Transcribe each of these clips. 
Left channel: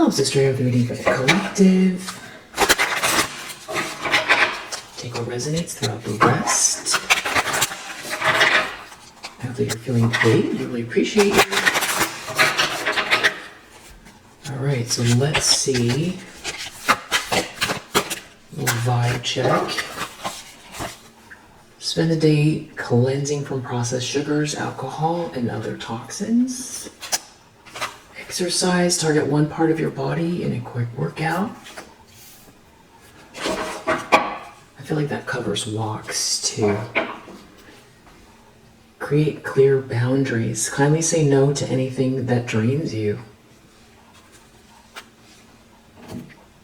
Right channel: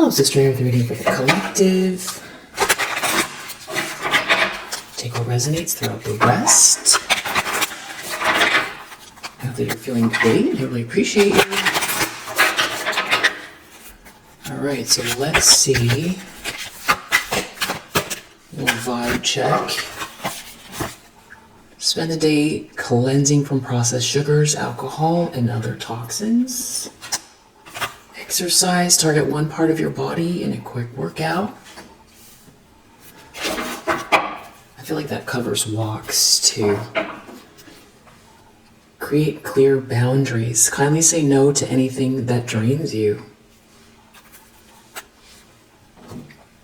Helps the stream of the reading for the collective. Take what resonates throughout the rest. I hope that you're feeling great. You really appreciate you. Alright, so let's see. A little vibe check. Spend the day cleansing from processed sugars, alcohol, and other toxins. Exercise, target one part of your body in a quick workout. I feel like that covers walks too. Create clear boundaries. Kindly say no to anything that drains you.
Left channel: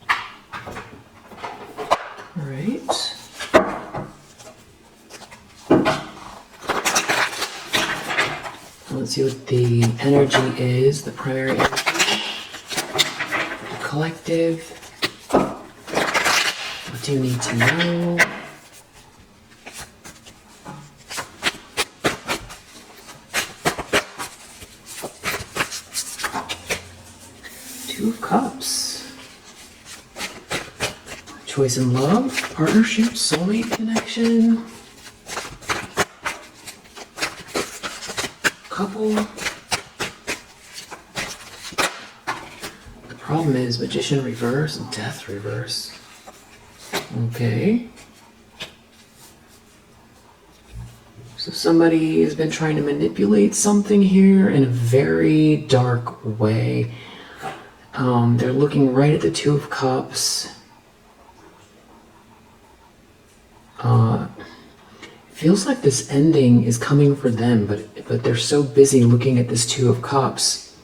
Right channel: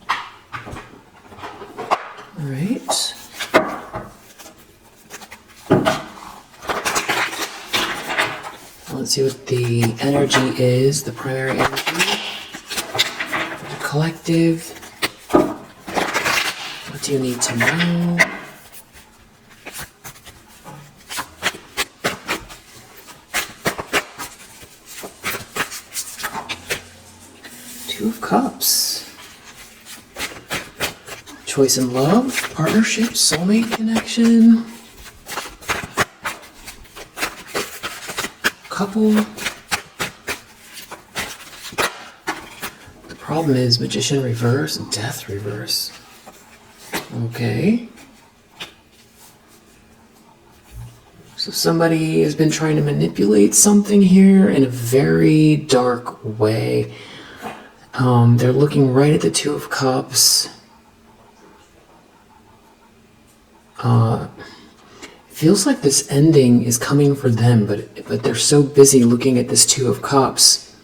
All right. Let's see what the energy is, the primary energy, the collective. What do you need to know? Two of Cups. Choice in love, partnership, soulmate connection. Couple. The problem is Magician reverse and Death reverse. Okay. So somebody has been trying to manipulate something here in a very dark way. They're looking right at the Two of Cups. Feels like this ending is coming for them, but they're so busy looking at this Two of Cups,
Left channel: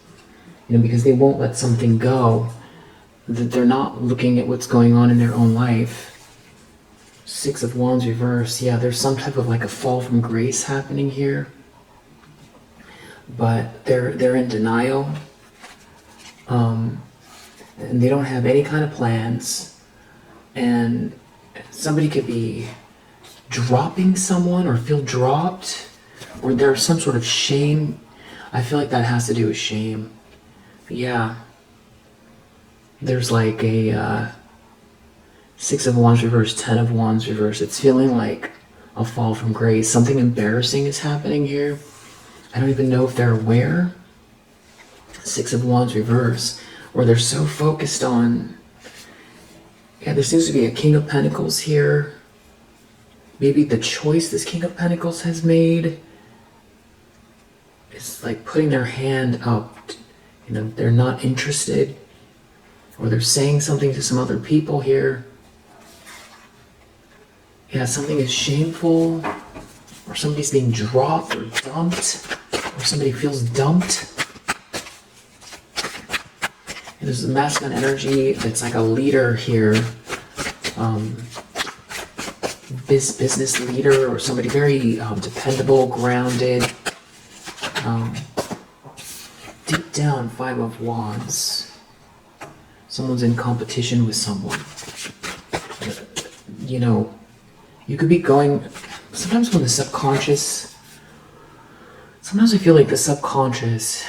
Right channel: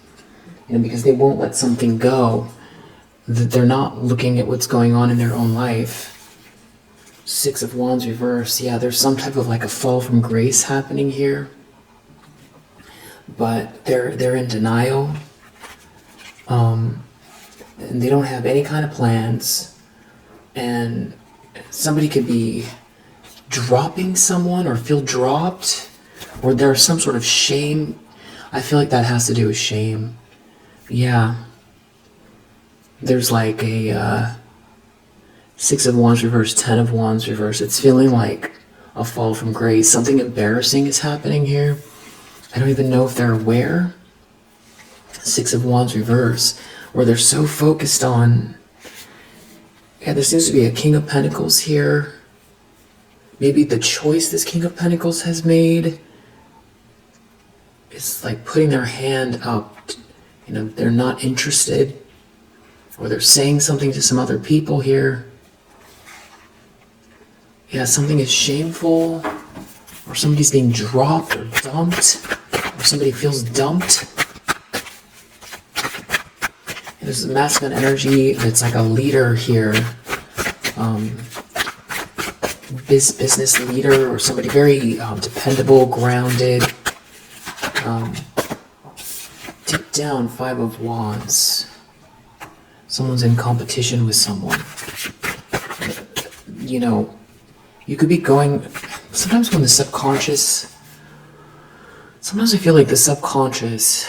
because they won't let something go, that they're not looking at what's going on in their own life. Six of Wands reverse. Yeah, there's some type of like a fall from grace happening here, but they're in denial, and they don't have any kind of plans, and somebody could be dropping someone or feel dropped, or there's some sort of shame. I feel like that has to do with shame. Yeah. There's like a Six of Wands reverse, Ten of Wands reverse. It's feeling like a fall from grace. Something embarrassing is happening here. I don't even know if they're aware. Six of Wands reverse, where they're so focused on... Yeah, there seems to be a King of Pentacles here. Maybe the choice this King of Pentacles has made is like putting their hand up. They're not interested, or they're saying something to some other people here. Yeah, something is shameful, or somebody's being dropped or dumped, or somebody feels dumped. And there's a masculine energy. It's like a leader here. Business leader, or somebody very dependable, grounded. Deep down, Five of Wands. Someone's in competition with someone. You could be going... Sometimes when the subconscious... Sometimes I feel like the subconscious...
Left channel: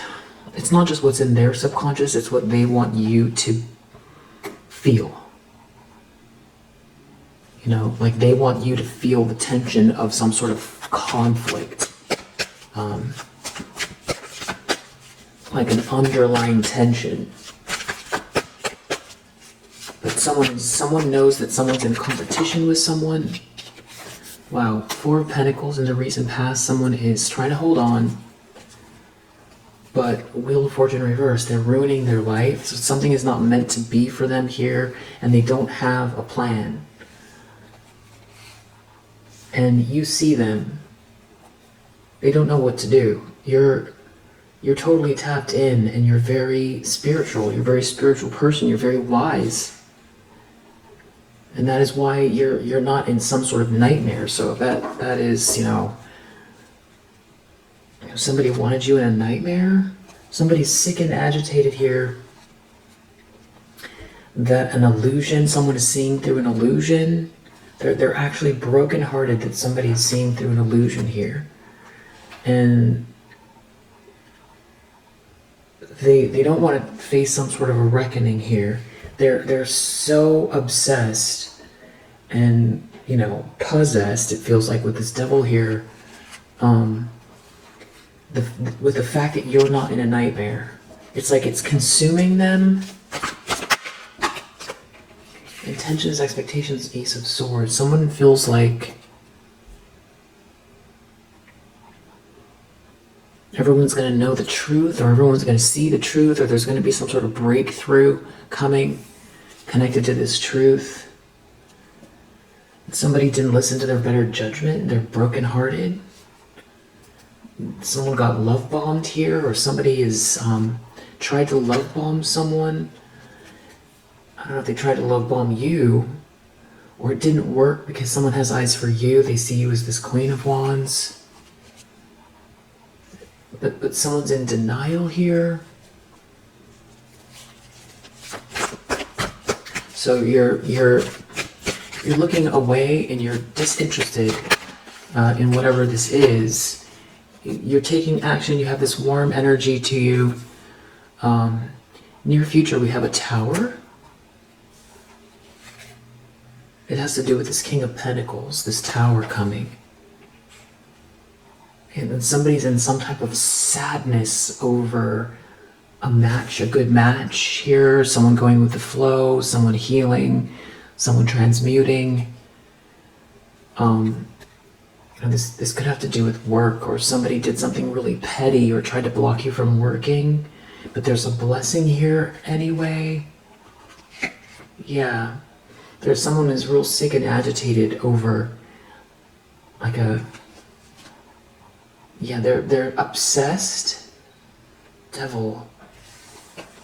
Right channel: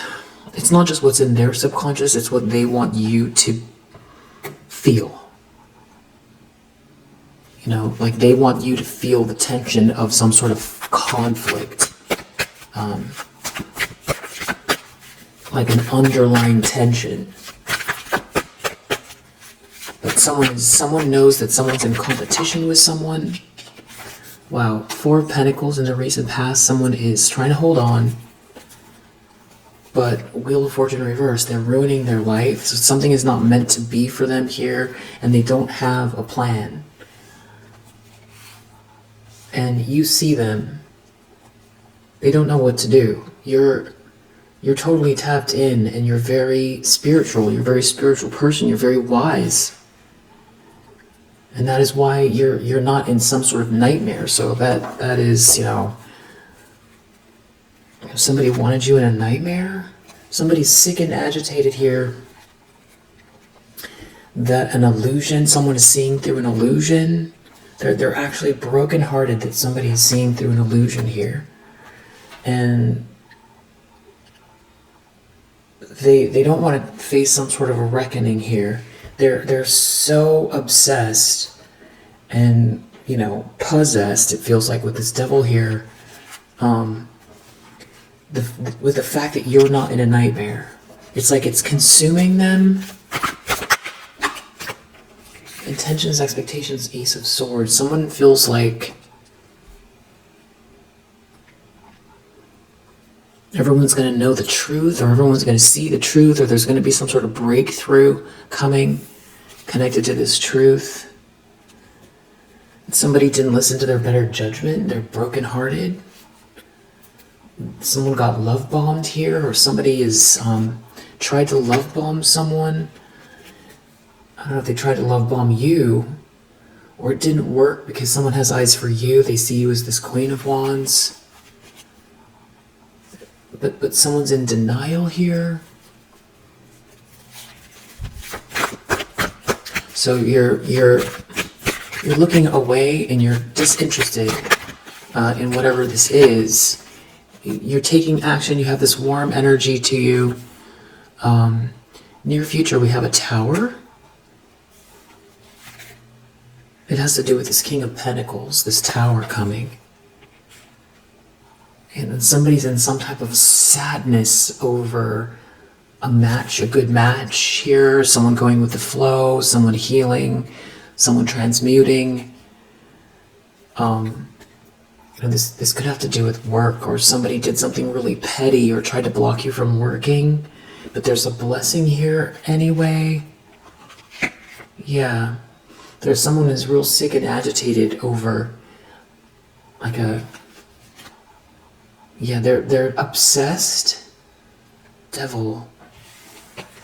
It's not just what's in their subconscious, it's what they want you to feel. Like they want you to feel the tension of some sort of conflict. Like an underlying tension. But someone knows that someone's in competition with someone. Wow, Four of Pentacles in the recent past, someone is trying to hold on. But Wheel of Fortune reversed, they're ruining their life. So something is not meant to be for them here, and they don't have a plan. And you see them, they don't know what to do. You're totally tapped in, and you're very spiritual. You're a very spiritual person. You're very wise. And that is why you're not in some sort of nightmare. So that is, if somebody wanted you in a nightmare, somebody's sick and agitated here. That an illusion, someone is seeing through an illusion. They're actually brokenhearted that somebody is seeing through an illusion here. And they don't want to face some sort of a reckoning here. They're so obsessed and, you know, possessed, it feels like, with this devil here, with the fact that you're not in a nightmare. It's like it's consuming them. Intentions, expectations, Ace of Swords. Someone feels like everyone's going to know the truth, or everyone's going to see the truth, or there's going to be some sort of breakthrough coming connected to this truth. Somebody didn't listen to their better judgment. They're brokenhearted. Someone got love bombed here, or somebody is tried to love bomb someone. I don't know if they tried to love bomb you, or it didn't work because someone has eyes for you. They see you as this Queen of Wands. But someone's in denial here. So you're looking away and you're disinterested in whatever this is. You're taking action. You have this warm energy to you. Near future, we have a Tower. It has to do with this King of Pentacles, this Tower coming. And then somebody's in some type of sadness over a match, a good match here, someone going with the flow, someone healing, someone transmuting. And this could have to do with work, or somebody did something really petty or tried to block you from working, but there's a blessing here anyway. Yeah, there's someone who's real sick and agitated over like they're obsessed. Devil.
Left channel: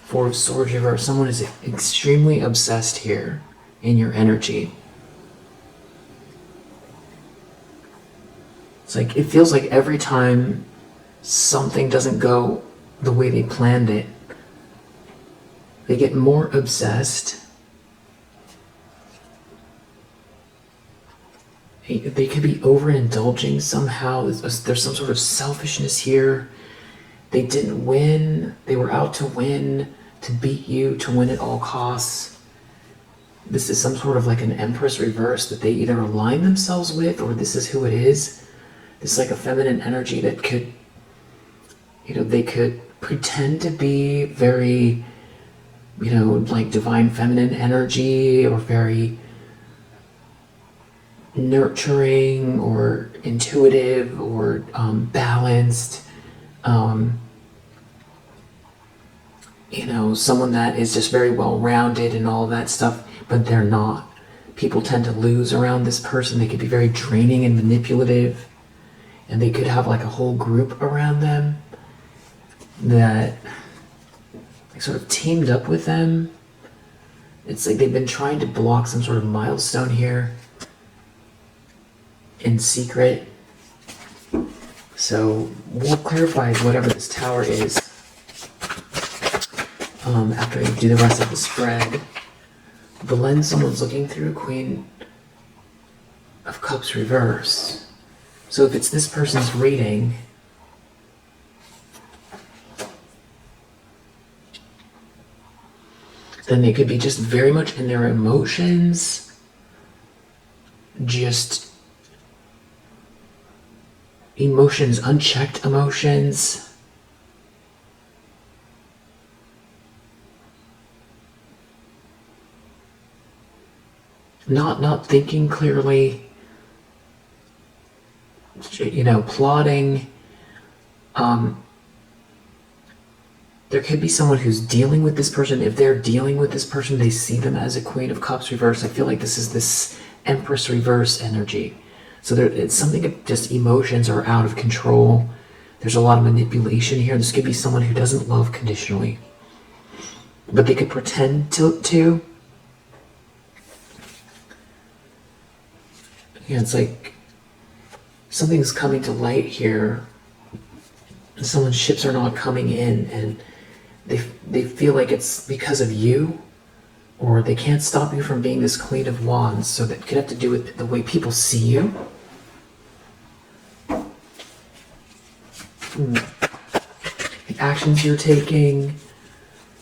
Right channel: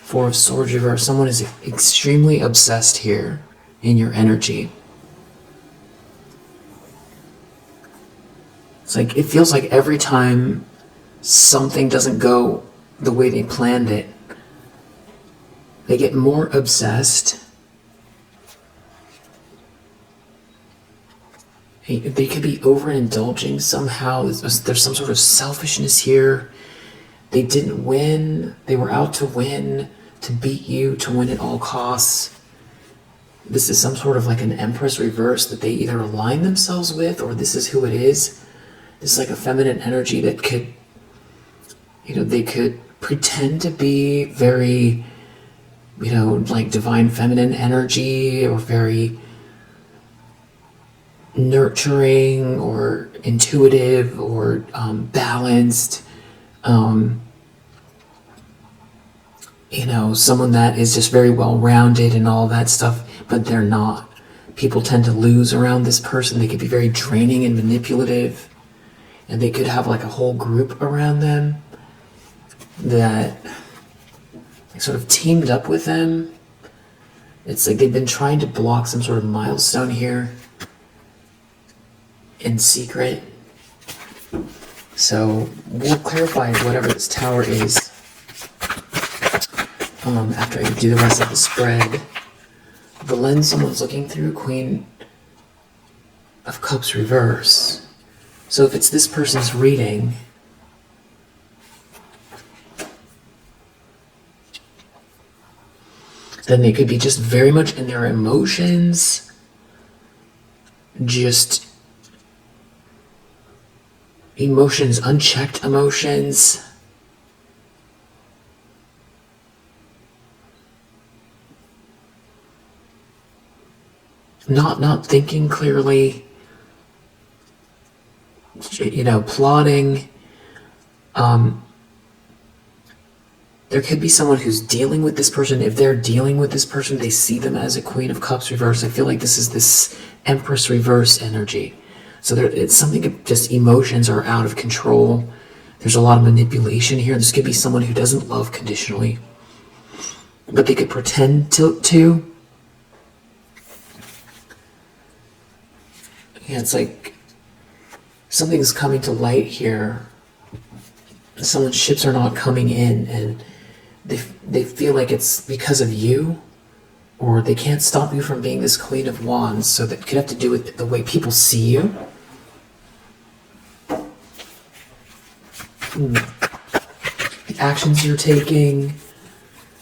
Four of Swords reverse. Someone is extremely obsessed here in your energy. It's like, it feels like every time something doesn't go the way they planned it, they get more obsessed. They could be overindulging somehow. There's some sort of selfishness here. They didn't win. They were out to win, to beat you, to win at all costs. This is some sort of like an Empress reverse that they either align themselves with, or this is who it is. It's like a feminine energy that could, they could pretend to be very, like divine feminine energy, or very nurturing or intuitive or balanced. Someone that is just very well-rounded and all that stuff, but they're not. People tend to lose around this person. They could be very draining and manipulative, and they could have like a whole group around them that sort of teamed up with them. It's like they've been trying to block some sort of milestone here in secret. So we'll clarify whatever this Tower is after I do the rest of the spread. The lens someone's looking through, Queen of Cups reverse. So if it's this person's reading, then they could be just very much in their emotions, just emotions, unchecked emotions. Not thinking clearly, plotting. There could be someone who's dealing with this person. If they're dealing with this person, they see them as a Queen of Cups reverse. I feel like this is this Empress reverse energy. So it's something of just emotions are out of control. There's a lot of manipulation here. This could be someone who doesn't love conditionally, but they could pretend to. Yeah, it's like something's coming to light here. Someone's ships are not coming in, and they feel like it's because of you, or they can't stop you from being this Queen of Wands. So that could have to do with the way people see you. The actions you're taking,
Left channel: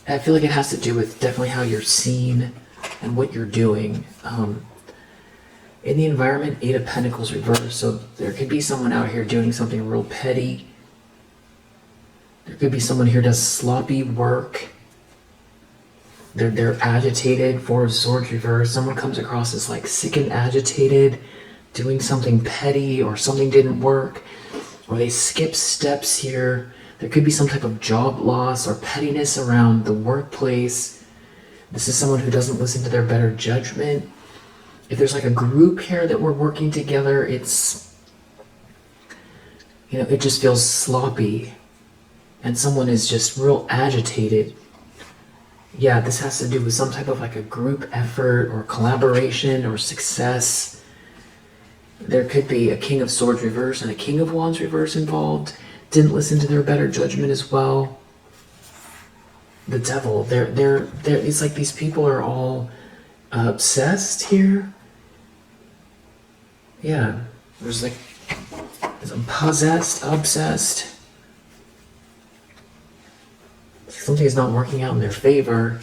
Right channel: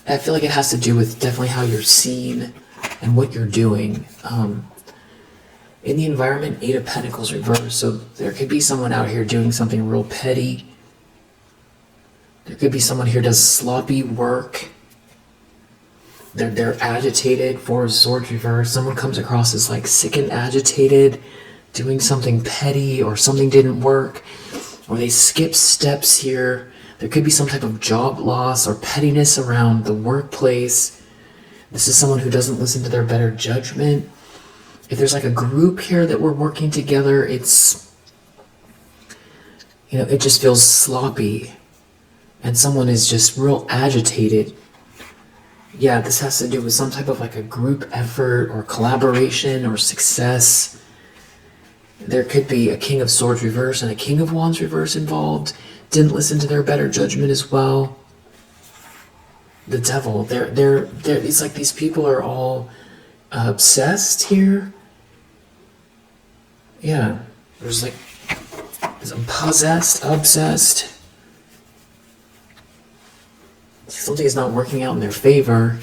I feel like it has to do with definitely how you're seen and what you're doing. In the environment, Eight of Pentacles reversed. So there could be someone out here doing something real petty. There could be someone here does sloppy work. They're agitated. Four of Swords reversed. Someone comes across as like sick and agitated, doing something petty, or something didn't work, or they skip steps here. There could be some type of job loss or pettiness around the workplace. This is someone who doesn't listen to their better judgment. If there's like a group here that we're working together, it's, it just feels sloppy. And someone is just real agitated. Yeah, this has to do with some type of like a group effort or collaboration or success. There could be a King of Swords reverse and a King of Wands reverse involved. Didn't listen to their better judgment as well. The Devil, it's like these people are all obsessed here. Yeah, there's like, I'm possessed, obsessed. Something is not working out in their favor.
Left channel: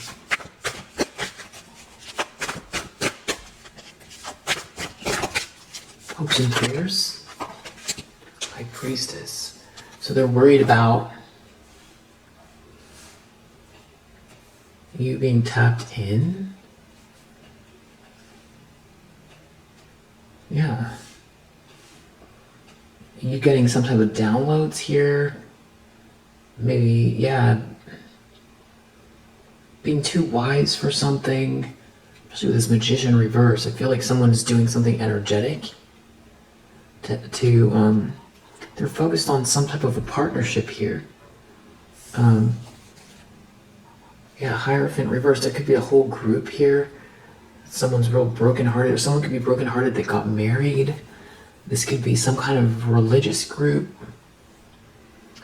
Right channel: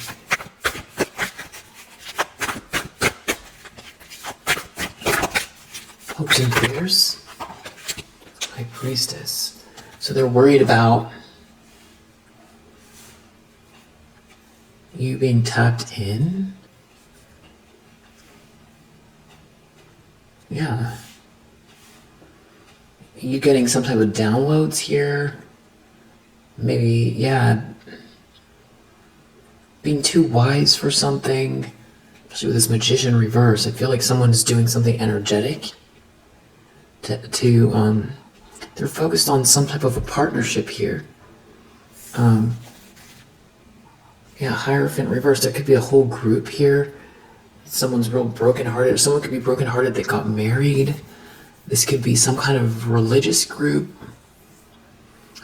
Hopes and prayers. High Priestess. So they're worried about you being tapped in. Yeah. You getting some type of downloads here. Maybe, yeah. Being too wise for something. Especially with this Magician reverse. I feel like someone is doing something energetic. They're focused on some type of a partnership here. Yeah, Hierophant reverse. There could be a whole group here. Someone's real brokenhearted. Or someone could be brokenhearted that got married. This could be some kind of religious group.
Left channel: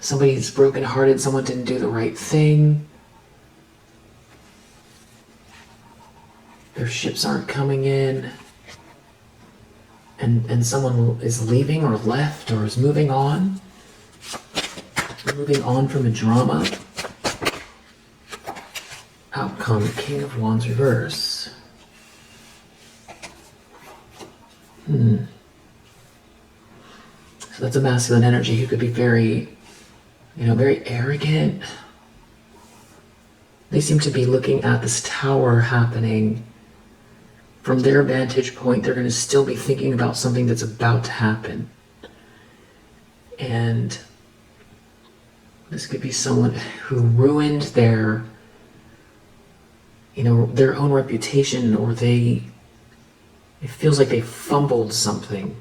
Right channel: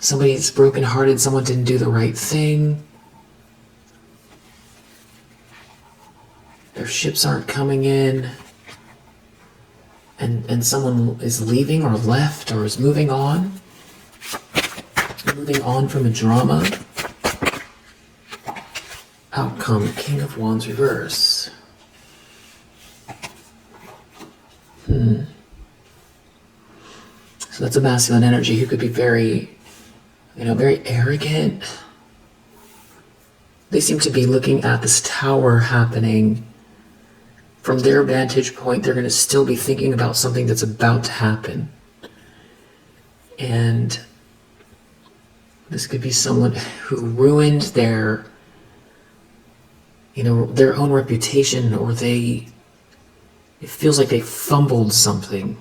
Somebody's brokenhearted. Someone didn't do the right thing. Their ships aren't coming in. And someone is leaving or left or is moving on. Moving on from a drama. Outcome, King of Wands reverse. So that's a masculine energy who could be very, very arrogant. They seem to be looking at this tower happening. From their vantage point, they're going to still be thinking about something that's about to happen. And this could be someone who ruined their own reputation, or it feels like they fumbled something.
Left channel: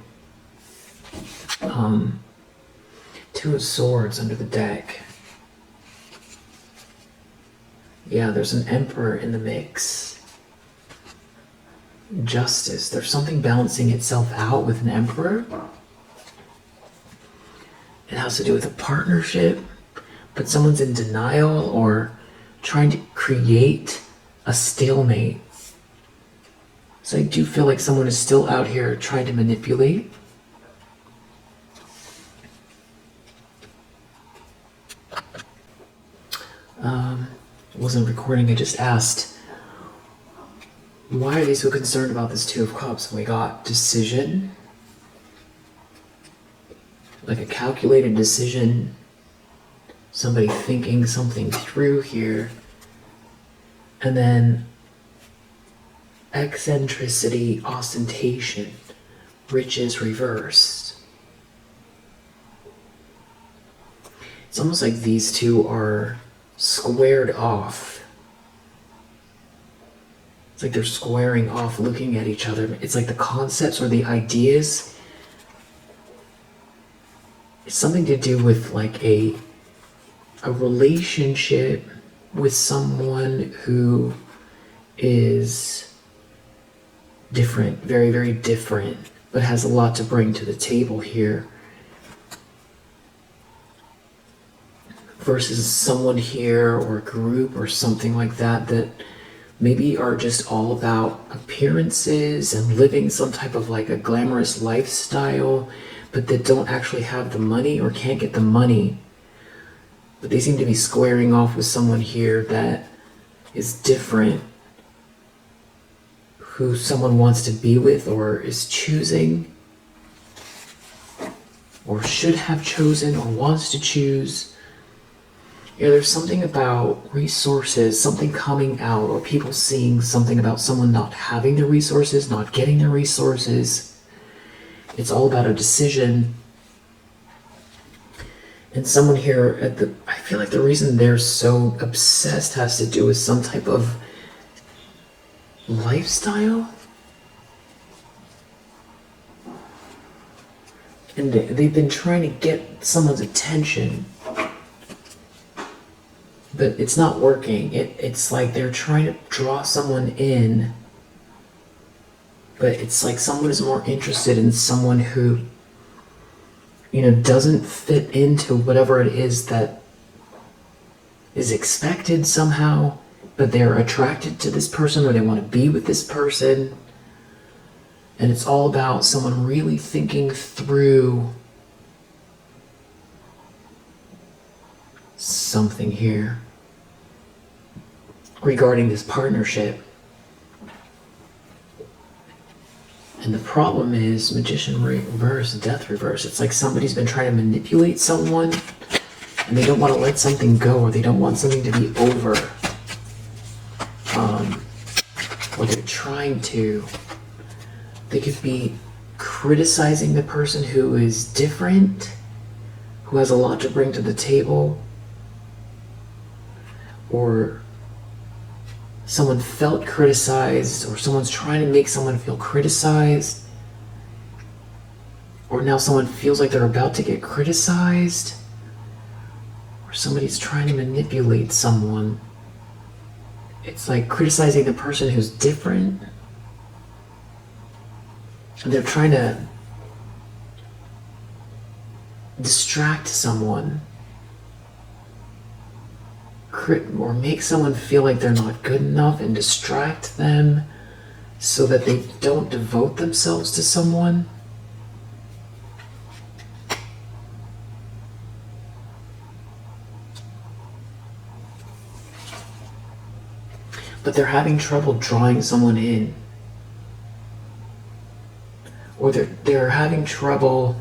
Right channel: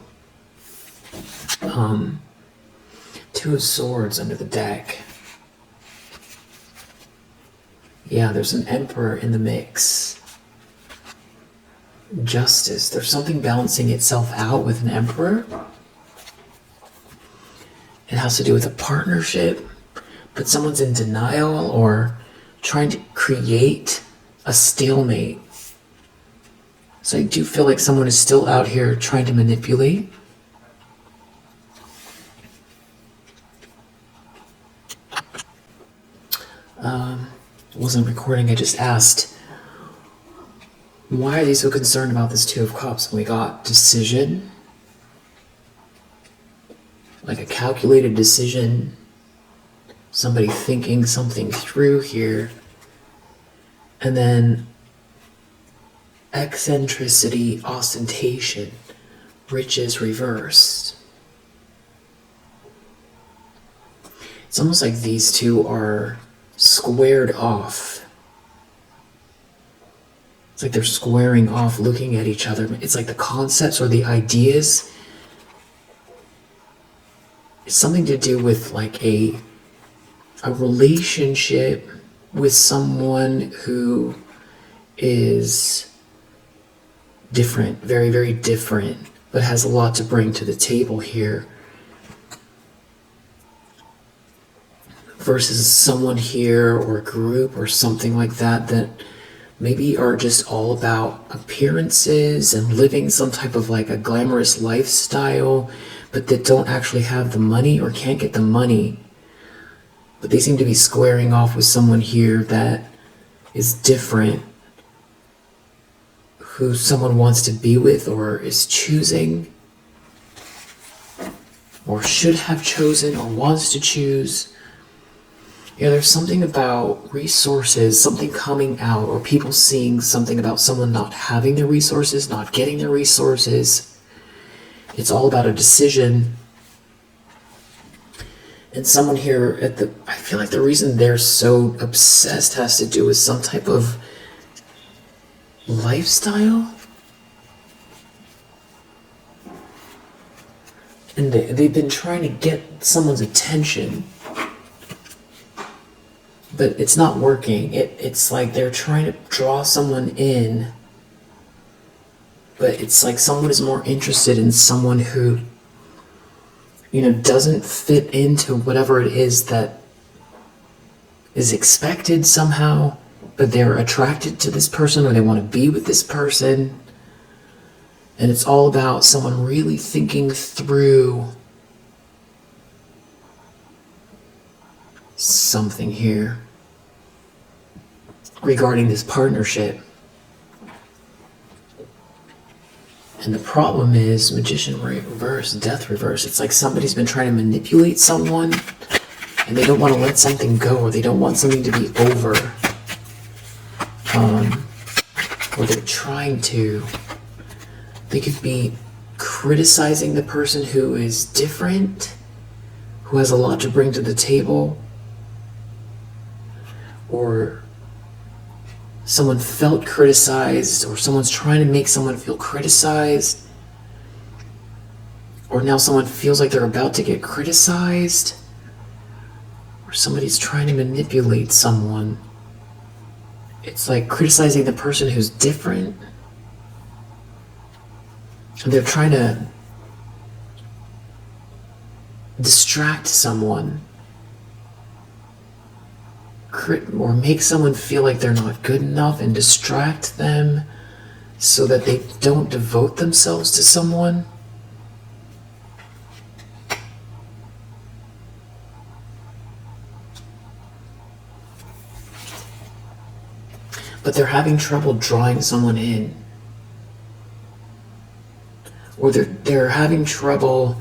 Two of Swords under the deck. Yeah, there's an Emperor in the mix. Justice. There's something balancing itself out with an Emperor. It has to do with a partnership, but someone's in denial or trying to create a stalemate. So I do feel like someone is still out here trying to manipulate. Wasn't recording, I just asked, why are they so concerned about this Two of Cups? We got decision, like a calculated decision, somebody thinking something through here, and then eccentricity, ostentation, riches reversed. It's almost like these two are squared off. It's like they're squaring off, looking at each other. It's like the concepts or the ideas. It's something to do with like a relationship with someone who is different, very, very different, but has a lot to bring to the table here. Versus someone here or a group or something like that maybe are just all about appearances and living some type of like a glamorous lifestyle, but that don't actually have the money or can't get the money. But they seem to be squaring off with someone here that is different, who someone wants to be with or is choosing or should have chosen or wants to choose. There's something about resources, something coming out, or people seeing something about someone not having the resources, not getting the resources. It's all about a decision. And someone here I feel like the reason they're so obsessed has to do with some type of lifestyle. And they've been trying to get someone's attention, but it's not working. It's like they're trying to draw someone in, but it's like someone is more interested in someone who, doesn't fit into whatever it is that is expected somehow, but they're attracted to this person or they want to be with this person. And it's all about someone really thinking through something here regarding this partnership. And the problem is Magician reverse, Death reverse. It's like somebody's been trying to manipulate someone and they don't want to let something go, or they don't want something to be over. Or they're trying to. They could be criticizing the person who is different, who has a lot to bring to the table, or someone felt criticized, or someone's trying to make someone feel criticized, or now someone feels like they're about to get criticized, or somebody's trying to manipulate someone. It's like criticizing the person who's different. So they're trying to distract someone, or make someone feel like they're not good enough and distract them so that they don't devote themselves to someone. But they're having trouble drawing someone in. Or they're having trouble,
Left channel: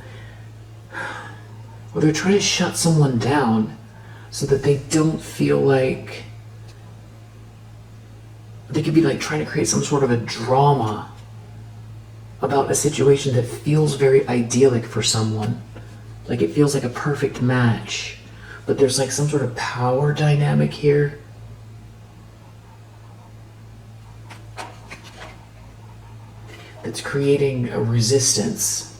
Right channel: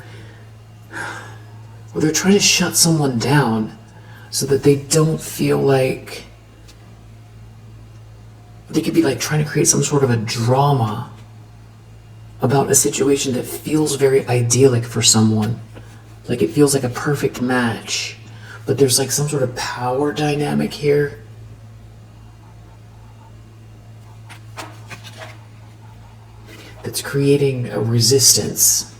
or they're trying to shut someone down so that they don't feel like, they could be like trying to create some sort of a drama about a situation that feels very idyllic for someone. Like it feels like a perfect match, but there's like some sort of power dynamic here. It's creating a resistance.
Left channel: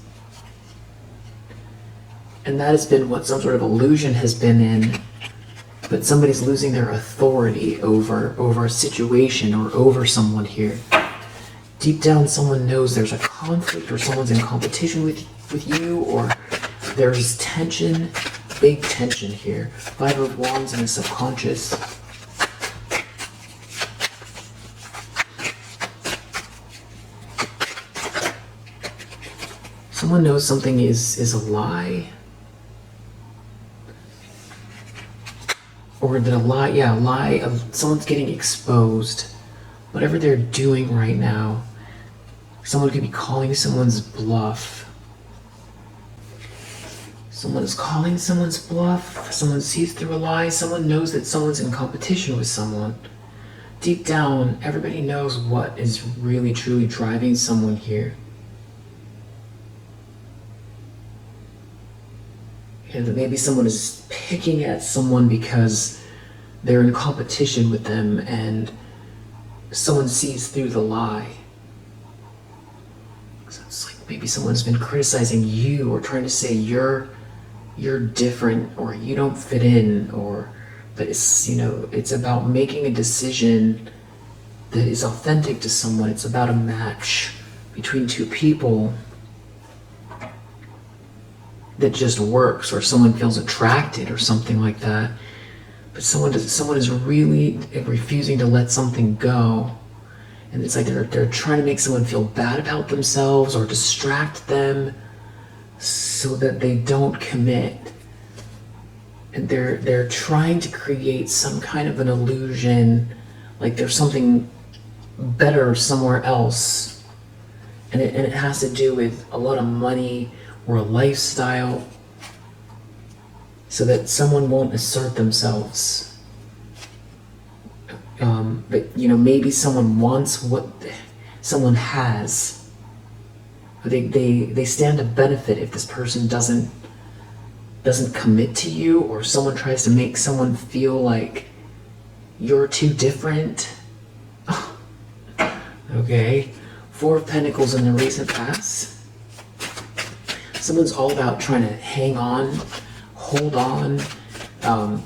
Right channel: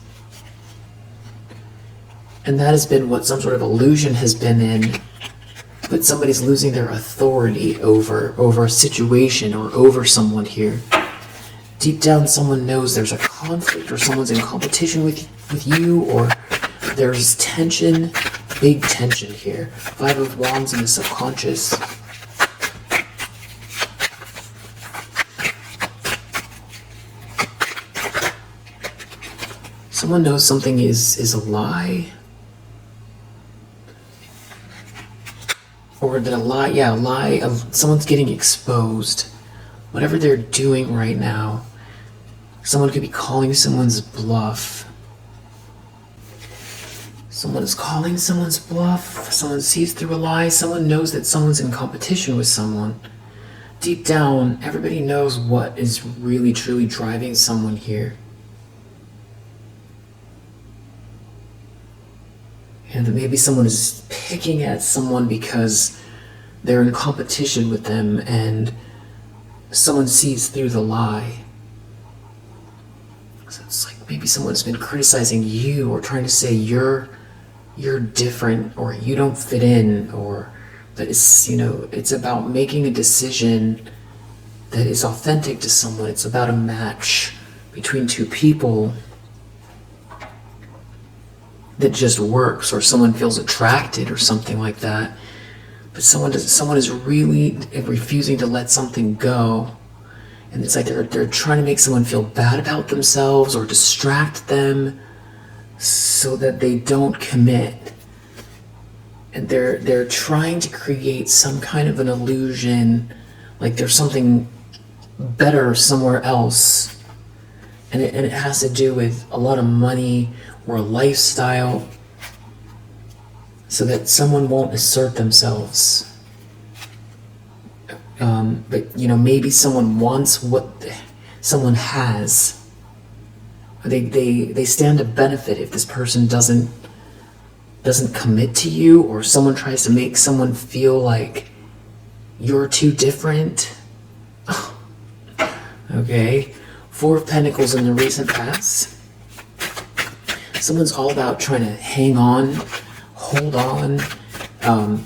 And that has been what some sort of illusion has been in, that somebody's losing their authority over a situation or over someone here. Deep down, someone knows there's a conflict, or someone's in competition with you, or there's tension, big tension here. Five of Wands in the subconscious. Someone knows something is a lie. Or that a lie of someone's getting exposed. Whatever they're doing right now, someone could be calling someone's bluff. Someone is calling someone's bluff. Someone sees through a lie. Someone knows that someone's in competition with someone. Deep down, everybody knows what is really truly driving someone here. And that maybe someone is picking at someone because they're in competition with them and someone sees through the lie. So it's like maybe someone's been criticizing you or trying to say you're different or you don't fit in, or that it's, it's about making a decision that is authentic to someone. It's about a match between two people that just works, or someone feels attracted or something like that. But someone is really refusing to let something go. And it's like they're trying to make someone feel bad about themselves or distract them so that they don't commit. And they're trying to create some kind of an illusion, like there's something better somewhere else. And it has to do with a lot of money or a lifestyle, so that someone won't assert themselves. But maybe someone wants what someone has. They stand to benefit if this person doesn't commit to you, or someone tries to make someone feel like you're too different. Okay. 4 of Pentacles in the recent past. Someone's all about trying to hang on, hold on,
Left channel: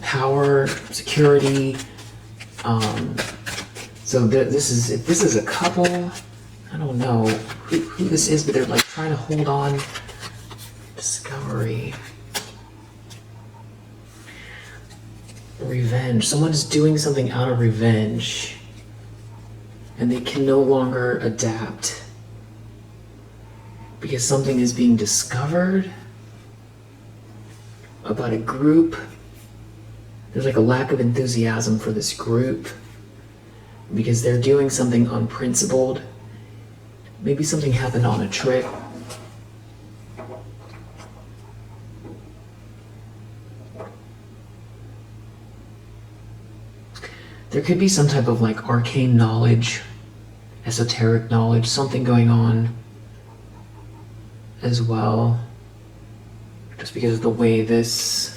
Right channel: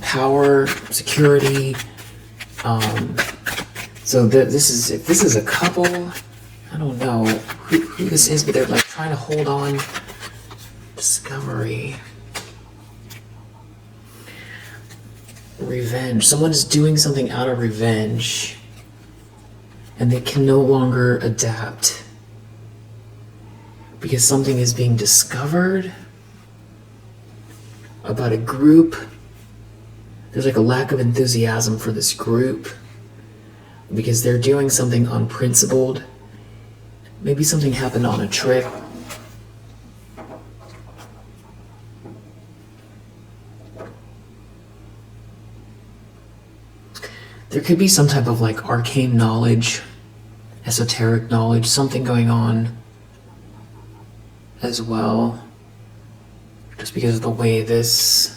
power, security. So if this is a couple, I don't know who this is, but they're like trying to hold on. Discovery. Revenge. Someone is doing something out of revenge, and they can no longer adapt because something is being discovered about a group. There's like a lack of enthusiasm for this group because they're doing something unprincipled. Maybe something happened on a trip. There could be some type of like arcane knowledge, esoteric knowledge, something going on as well. Just because of the way this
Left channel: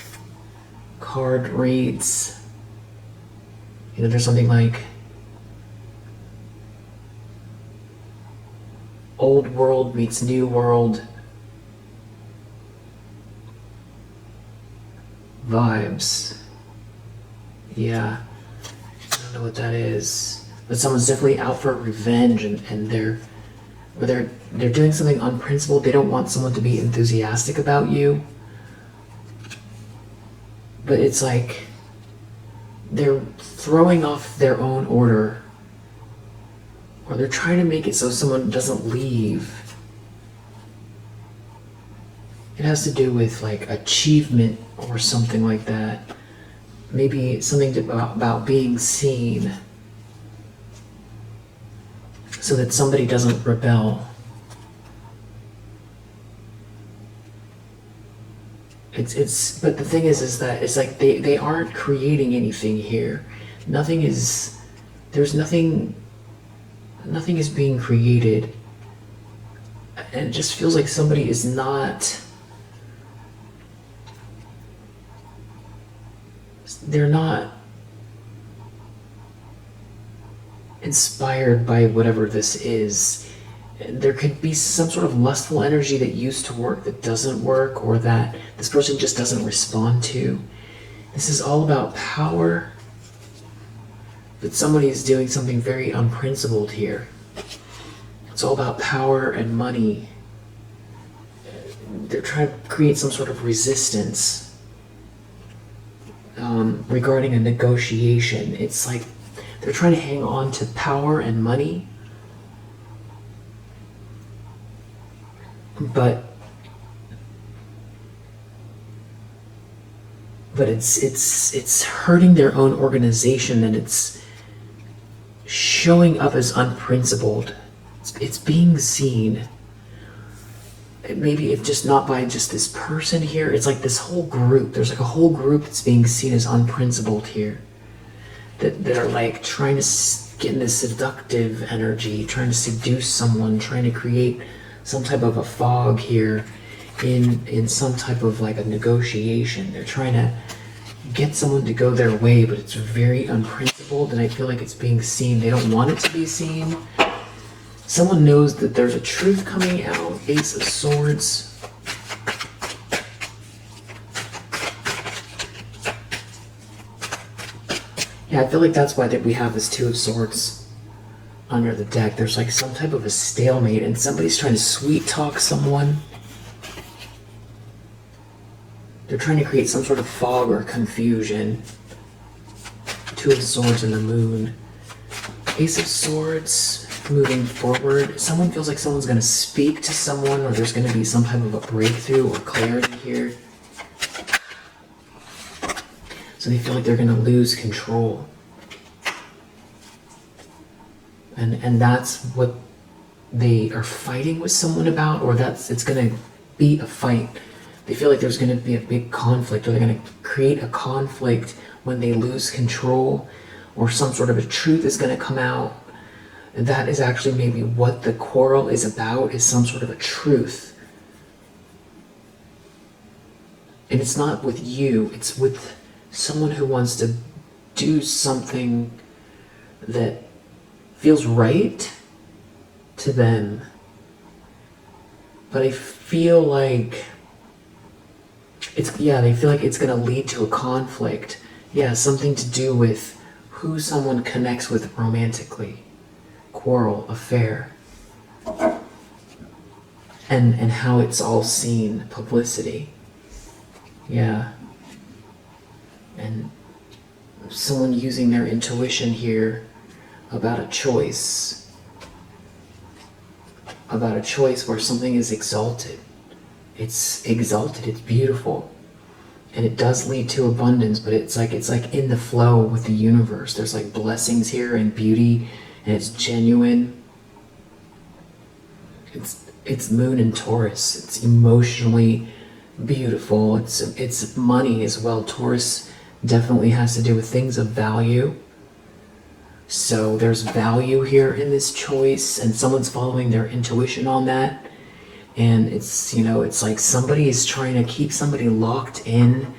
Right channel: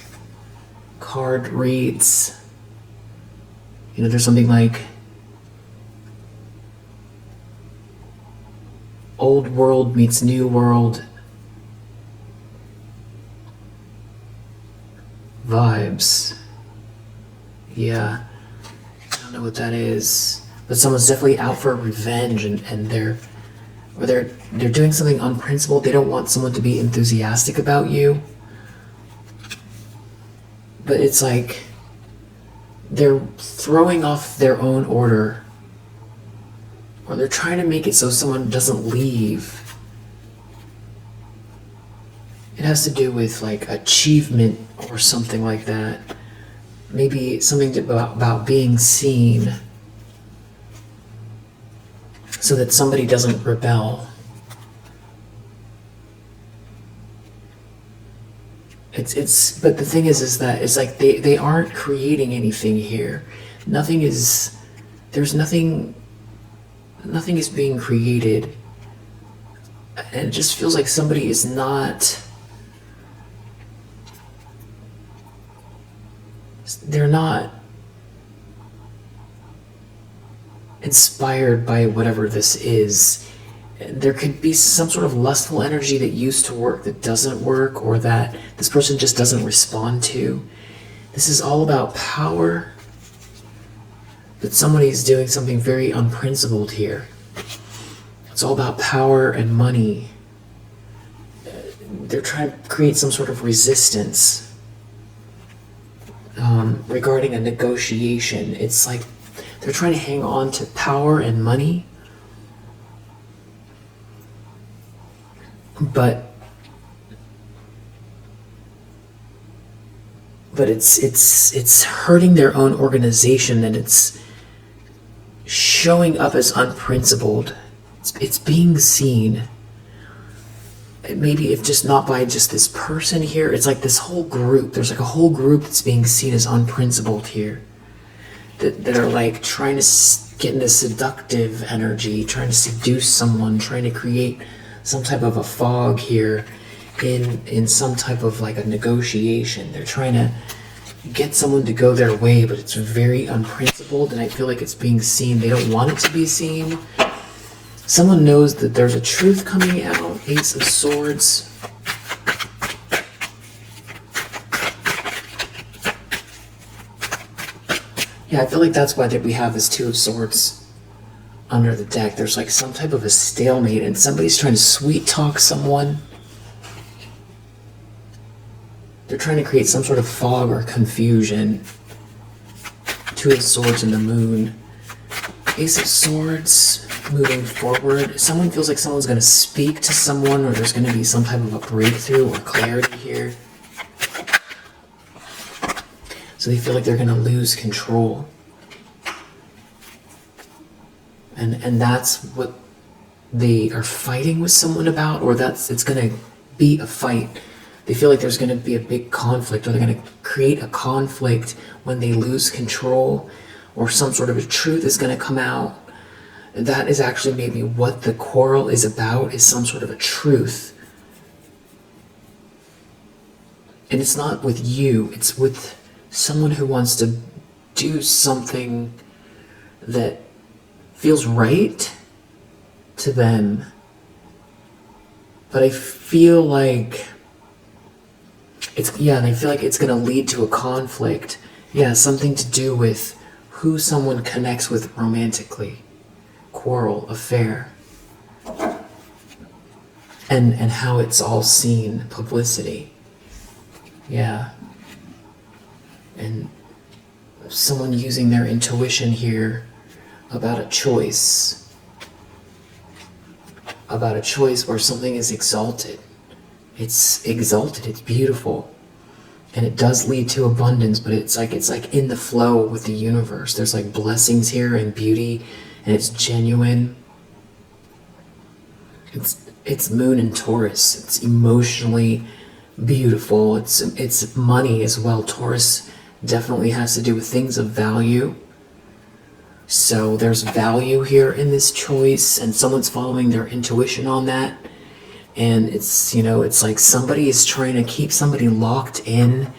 card reads. There's something like old world meets new world vibes. Yeah. I don't know what that is, but someone's definitely out for revenge, and they're doing something unprincipled. They don't want someone to be enthusiastic about you, but it's like they're throwing off their own order, or they're trying to make it so someone doesn't leave. It has to do with like achievement or something like that. Maybe something about being seen, so that somebody doesn't rebel. But the thing is that it's like they aren't creating anything here. There's nothing is being created. And it just feels like somebody is not, they're not inspired by whatever this is. There could be some sort of lustful energy that used to work that doesn't work, or that this person just doesn't respond to. This is all about power, but somebody is doing something very unprincipled here. It's all about power and money. They're trying to create some sort of resistance regarding a negotiation. It's like they're trying to hang on to power and money, but it's hurting their own organization, and it's showing up as unprincipled. It's being seen. Maybe if just not by just this person here, it's like this whole group. There's like a whole group that's being seen as unprincipled here. That are like trying to get in this seductive energy, trying to seduce someone, trying to create some type of a fog here in some type of like a negotiation. They're trying to get someone to go their way, but it's very unprincipled, and I feel like it's being seen. They don't want it to be seen. Someone knows that there's a truth coming out. Ace of Swords. Yeah, I feel like that's why we have this Two of Swords under the deck. There's like some type of a stalemate, and somebody's trying to sweet talk someone. They're trying to create some sort of fog or confusion. Two of Swords and the Moon. Ace of Swords. Moving forward, someone feels like someone's going to speak to someone, or there's going to be some type of a breakthrough or clarity here. So they feel like they're going to lose control. And that's what they are fighting with someone about, or it's going to be a fight. They feel like there's going to be a big conflict, or they're going to create a conflict when they lose control, or some sort of a truth is going to come out. And that is actually maybe what the quarrel is about, is some sort of a truth. And it's not with you, it's with someone who wants to do something that feels right to them. But I feel like they feel like it's going to lead to a conflict. Yeah, something to do with who someone connects with romantically. Quarrel, affair. And how it's all seen, publicity. Yeah. And someone using their intuition here about a choice. About a choice where something is exalted. It's exalted, it's beautiful. And it does lead to abundance, but it's like in the flow with the universe. There's like blessings here and beauty, and it's genuine. It's Moon and Taurus. It's emotionally beautiful. It's money as well. Taurus definitely has to do with things of value. So there's value here in this choice, and someone's following their intuition on that. And it's like somebody is trying to keep somebody locked in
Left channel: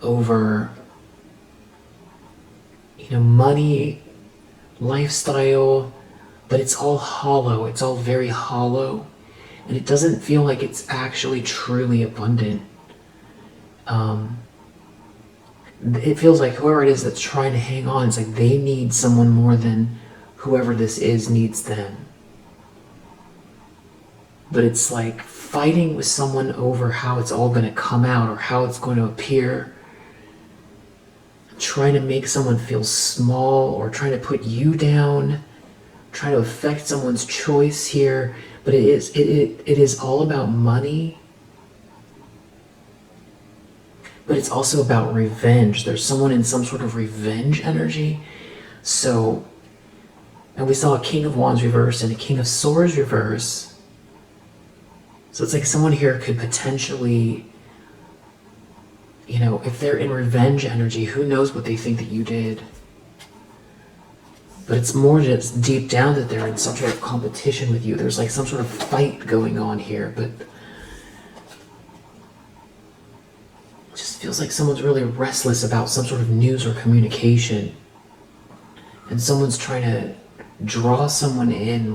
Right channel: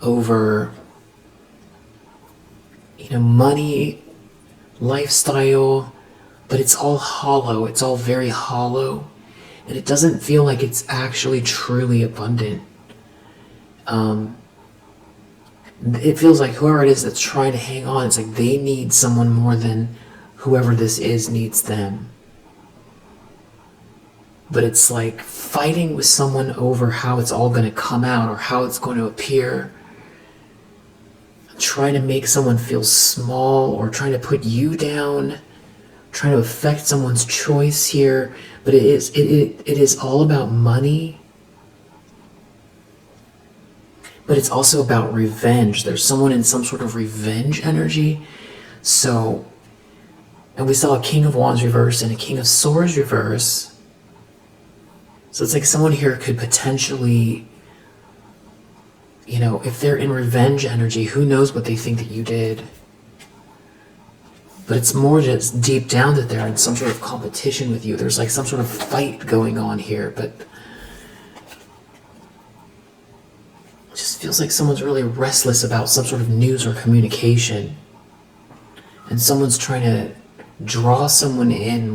over, money, lifestyle, but it's all hollow. It's all very hollow. And it doesn't feel like it's actually truly abundant. It feels like whoever it is that's trying to hang on, it's like they need someone more than whoever this is needs them. But it's like fighting with someone over how it's all going to come out or how it's going to appear. Trying to make someone feel small or trying to put you down. Trying to affect someone's choice here. But it is all about money. But it's also about revenge. There's someone in some sort of revenge energy. So, and we saw a King of Wands reverse and a King of Swords reverse. So it's like someone here could potentially, if they're in revenge energy, who knows what they think that you did. But it's more just deep down that they're in some sort of competition with you. There's like some sort of fight going on here, but it just feels like someone's really restless about some sort of news or communication. And someone's trying to draw someone in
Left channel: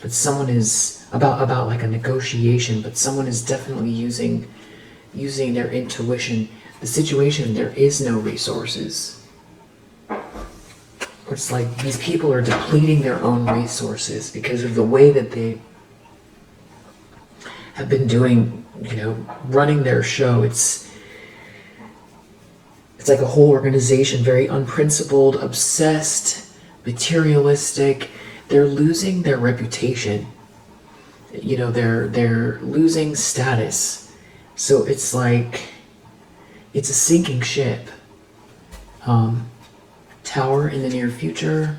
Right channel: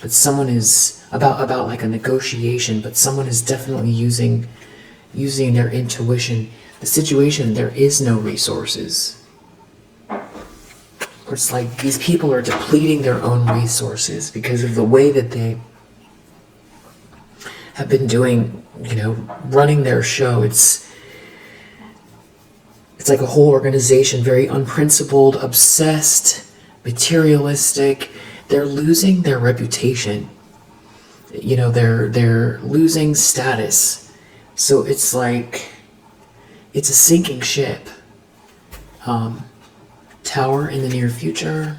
but someone is about like a negotiation, but someone is definitely using their intuition. The situation, there is no resources. Or it's like these people are depleting their own resources because of the way that they have been doing, running their show. It's like a whole organization, very unprincipled, obsessed, materialistic. They're losing their reputation. They're losing status. So it's like, it's a sinking ship. Tower in the near future.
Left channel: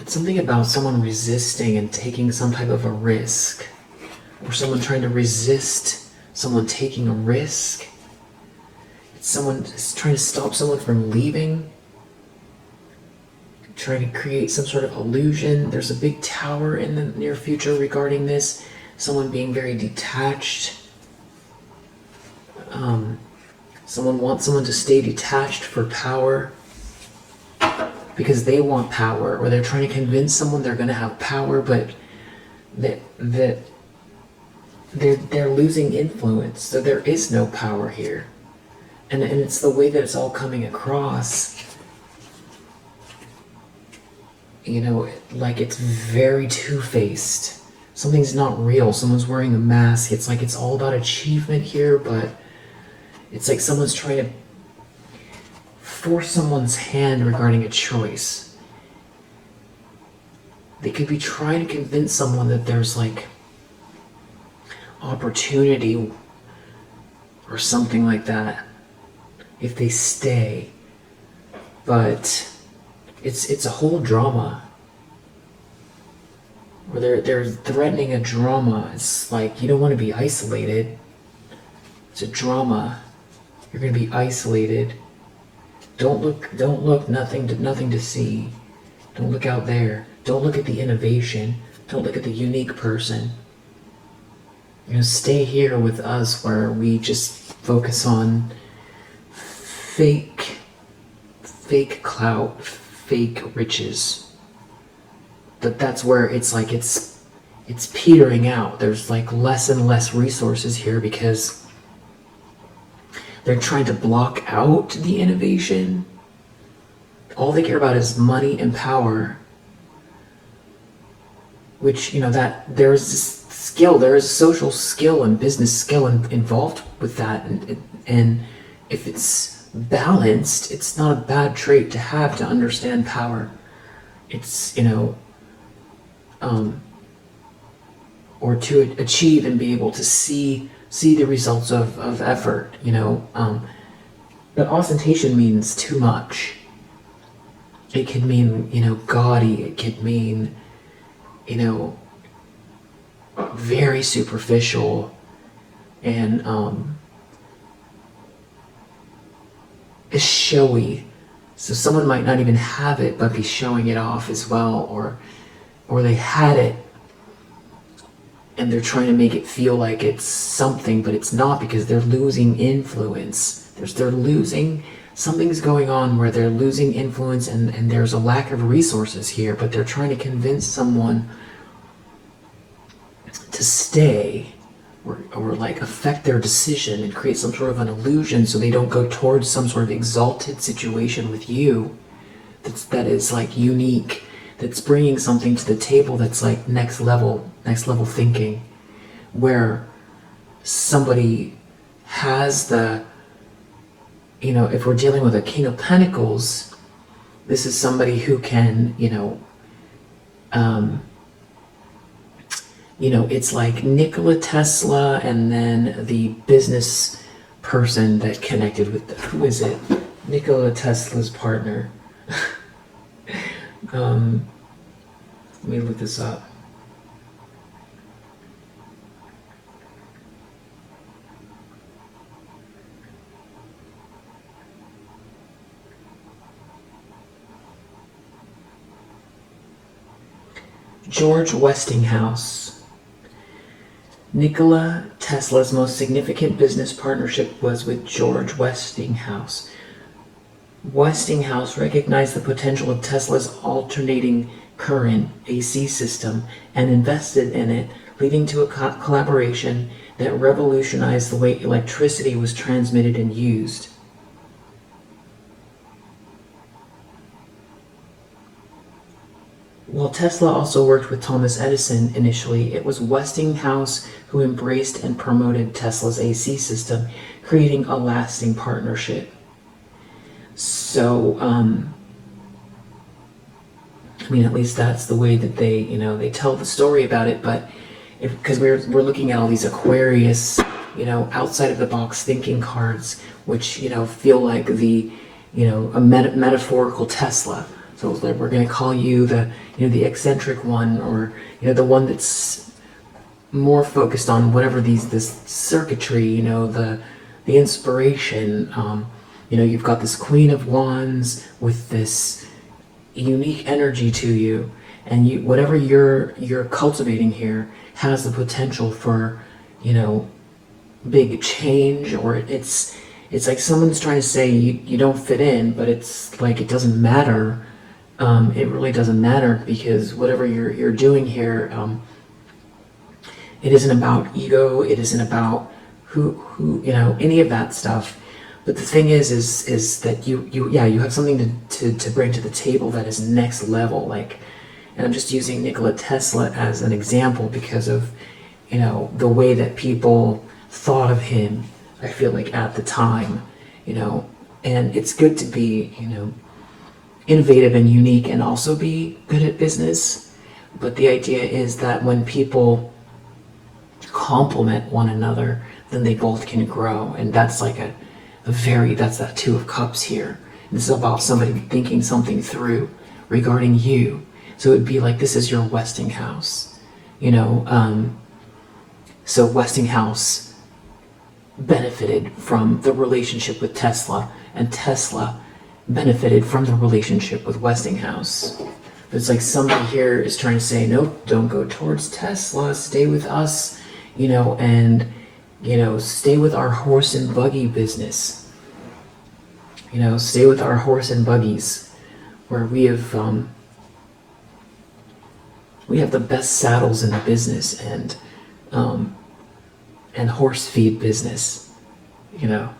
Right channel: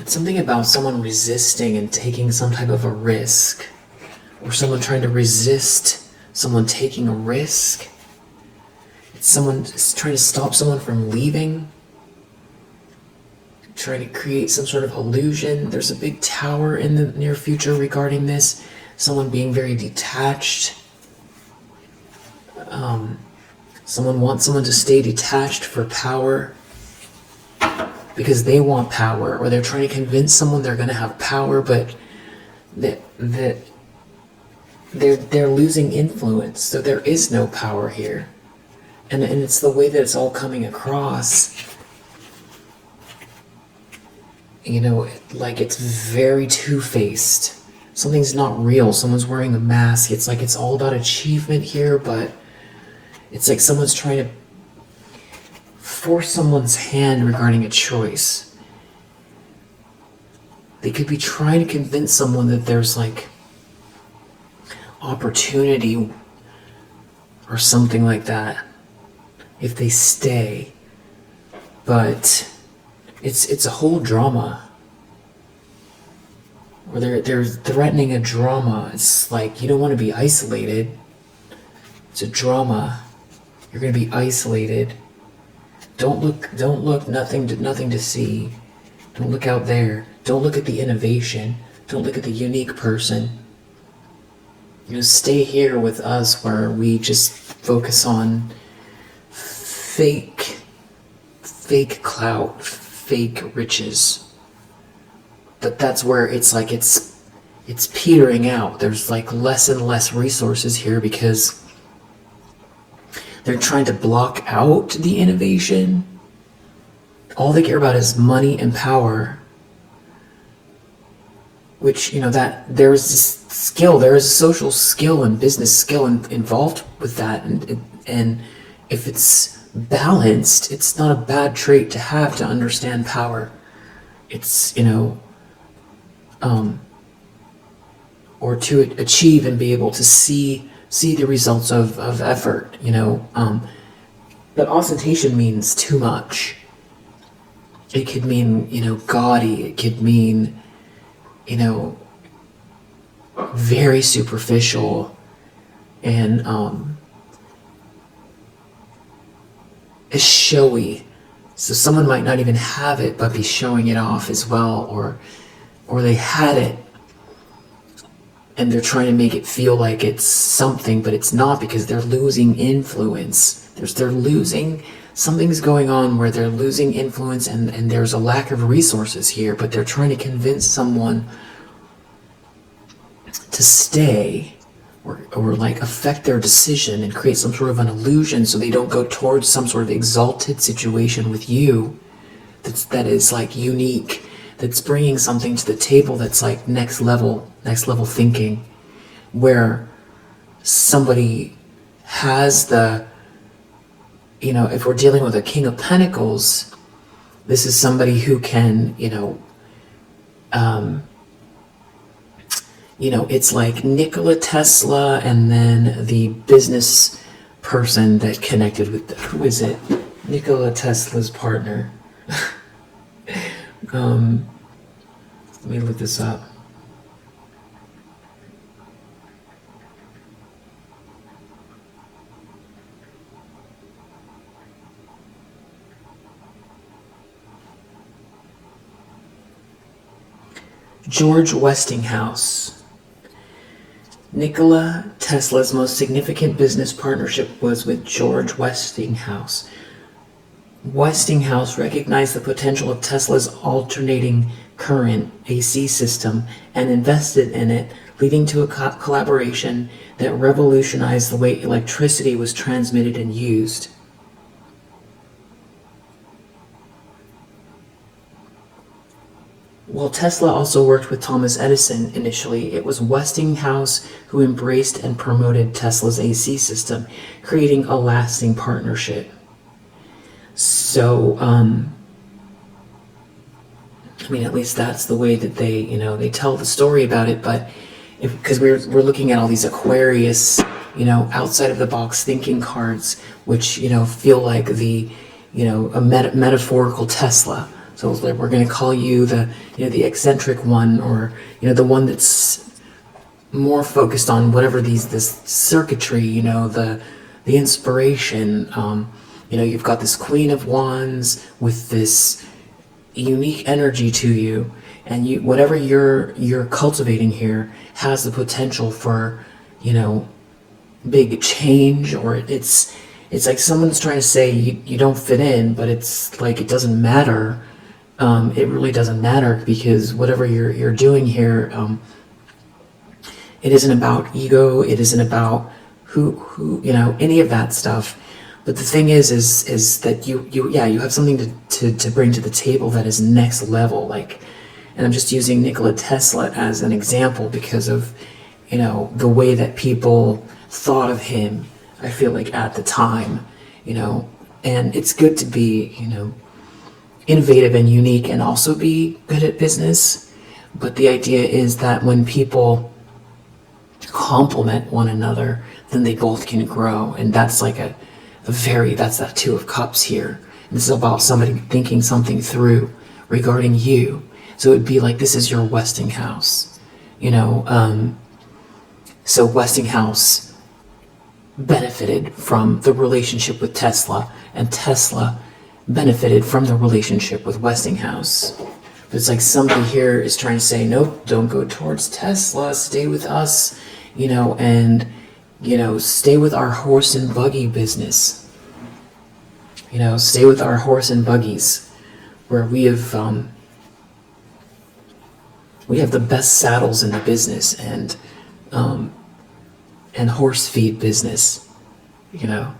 It's something about someone resisting and taking some type of a risk. Or someone trying to resist someone taking a risk. It's someone trying to stop someone from leaving. Trying to create some sort of illusion. There's a big tower in the near future regarding this. Someone being very detached. Someone wants someone to stay detached for power because they want power, or they're trying to convince someone they're going to have power, but that they're losing influence, so there is no power here. And it's the way that it's all coming across. Like it's very two-faced. Something's not real. Someone's wearing a mask. It's like it's all about achievement here, but it's like someone's trying to force someone's hand regarding a choice. They could be trying to convince someone that there's like opportunity or something like that. if they stay. But it's a whole drama. Or they're threatening a drama. It's like you don't want to be isolated. It's a drama. You're gonna be isolated. Don't look, nothing to see. Don't look out there. Don't look at the innovation. Don't look at the unique person. Stay here with us where we just focus on fake clout, fake riches. But that's where it's like it's petering out. There's like less and less resources here because they're trying to block out the innovation. All they care about is money and power. Which, that there's this skill, there is social skill and business skill involved with that. And if it's balanced, it's not a bad trait to have to understand power. It's, or to achieve and be able to see the results of effort, But ostentation means too much. It could mean, gaudy. It could mean, very superficial and showy. So someone might not even have it, but be showing it off as well, or they had it and they're trying to make it feel like it's something, but it's not, because they're losing influence. Something's going on where they're losing influence, and there's a lack of resources here, but they're trying to convince someone to stay or like affect their decision and create some sort of an illusion so they don't go towards some sort of exalted situation with you that is like unique, that's bringing something to the table that's like next level thinking, where somebody has the, if we're dealing with a King of Pentacles, this is somebody who can, it's like Nikola Tesla and then the business person that connected with who is it? Nikola Tesla's partner. Let me look this up. George Westinghouse. Nikola Tesla's most significant business partnership was with George Westinghouse. Westinghouse recognized the potential of Tesla's alternating current AC system and invested in it, leading to a collaboration that revolutionized the way electricity was transmitted and used. While Tesla also worked with Thomas Edison initially, it was Westinghouse who embraced and promoted Tesla's AC system, creating a lasting partnership. So, at least that's the way that they tell the story about it. But because we're looking at all these Aquarius, outside of the box thinking cards, which feel like the a metaphorical Tesla. So we're going to call you the eccentric one, or the one that's more focused on whatever this circuitry, the inspiration. You've got this Queen of Wands with this unique energy to you, and whatever you're cultivating here has the potential for big change, or it's like someone's trying to say you don't fit in, but it's like it doesn't matter. It really doesn't matter, because whatever you're doing here, it isn't about ego. It isn't about who any of that stuff. But the thing is that you have something to bring to the table that is next level. Like, and I'm just using Nikola Tesla as an example because of the way that people thought of him. I feel like at the time, and it's good to be innovative and unique and also be good at business. But the idea is that when people complement one another, then they both can grow, and that's like that's that Two of Cups here. This is about somebody thinking something through regarding you. So it would be like, this is your Westinghouse, so Westinghouse benefited from the relationship with Tesla, and Tesla benefited from the relationship with Westinghouse. But it's like somebody here is trying to say, nope, don't go towards Tesla, stay with us, and stay with our horse and buggy business. Stay with our horse and buggies, where we have the best saddles in the business, and horse feed business, and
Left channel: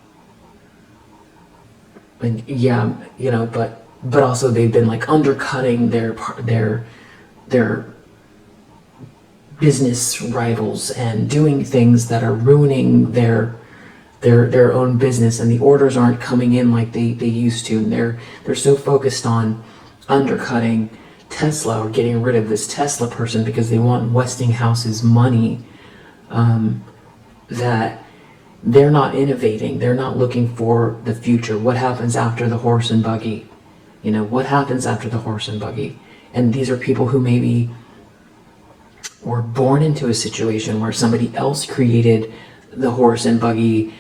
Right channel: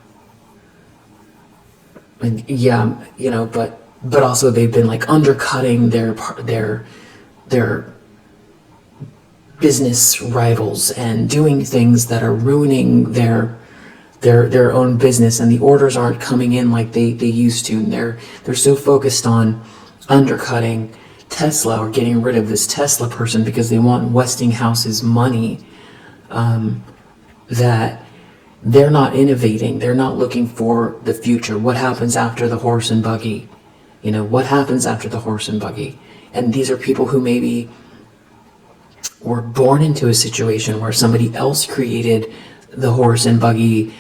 but also they've been like undercutting their business rivals and doing things that are ruining their own business, and the orders aren't coming in like they used to, and they're so focused on undercutting Tesla or getting rid of this Tesla person because they want Westinghouse's money, that they're not innovating. They're not looking for the future. What happens after the horse and buggy? What happens after the horse and buggy? And these are people who maybe were born into a situation where somebody else created the horse and buggy,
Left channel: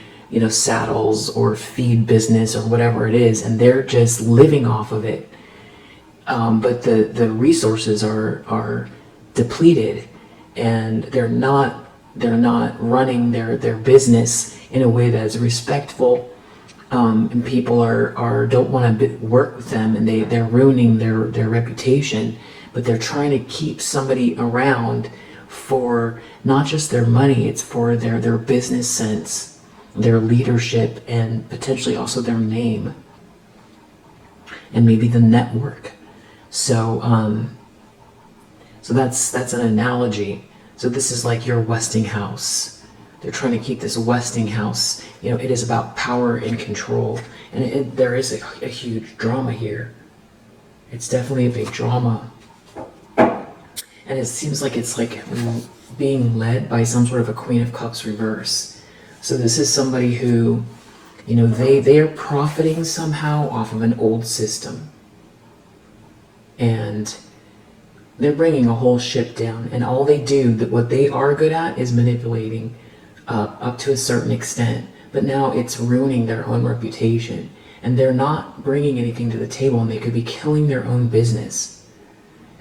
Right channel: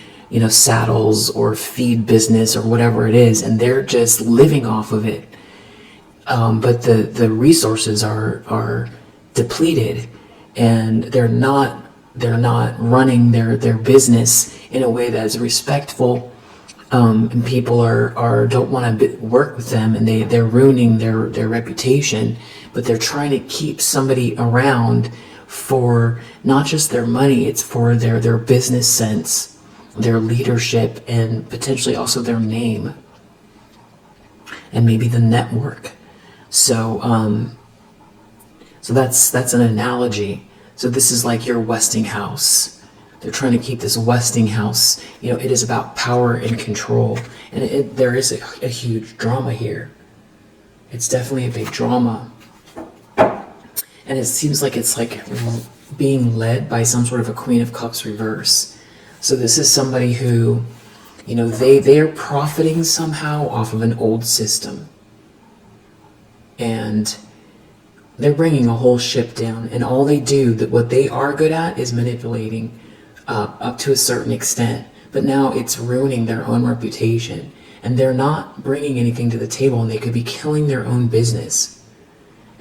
saddles or feed business or whatever it is, and they're just living off of it. But the resources are depleted, and they're not running their business in a way that's respectful, and people don't want to work with them, and they're ruining their reputation. But they're trying to keep somebody around for not just their money, it's for their business sense, their leadership, and potentially also their name, and maybe the network. So that's an analogy. So this is like your Westinghouse. They're trying to keep this Westinghouse. It is about power and control, and there is a huge drama here. It's definitely a big drama, and it seems like it's like being led by some sort of a Queen of Cups reverse. So this is somebody who, they are profiting somehow off of an old system, and they're bringing a whole ship down, and all they do, what they are good at, is manipulating up to a certain extent. But now it's ruining their own reputation, and they're not bringing anything to the table, and they could be killing their own business.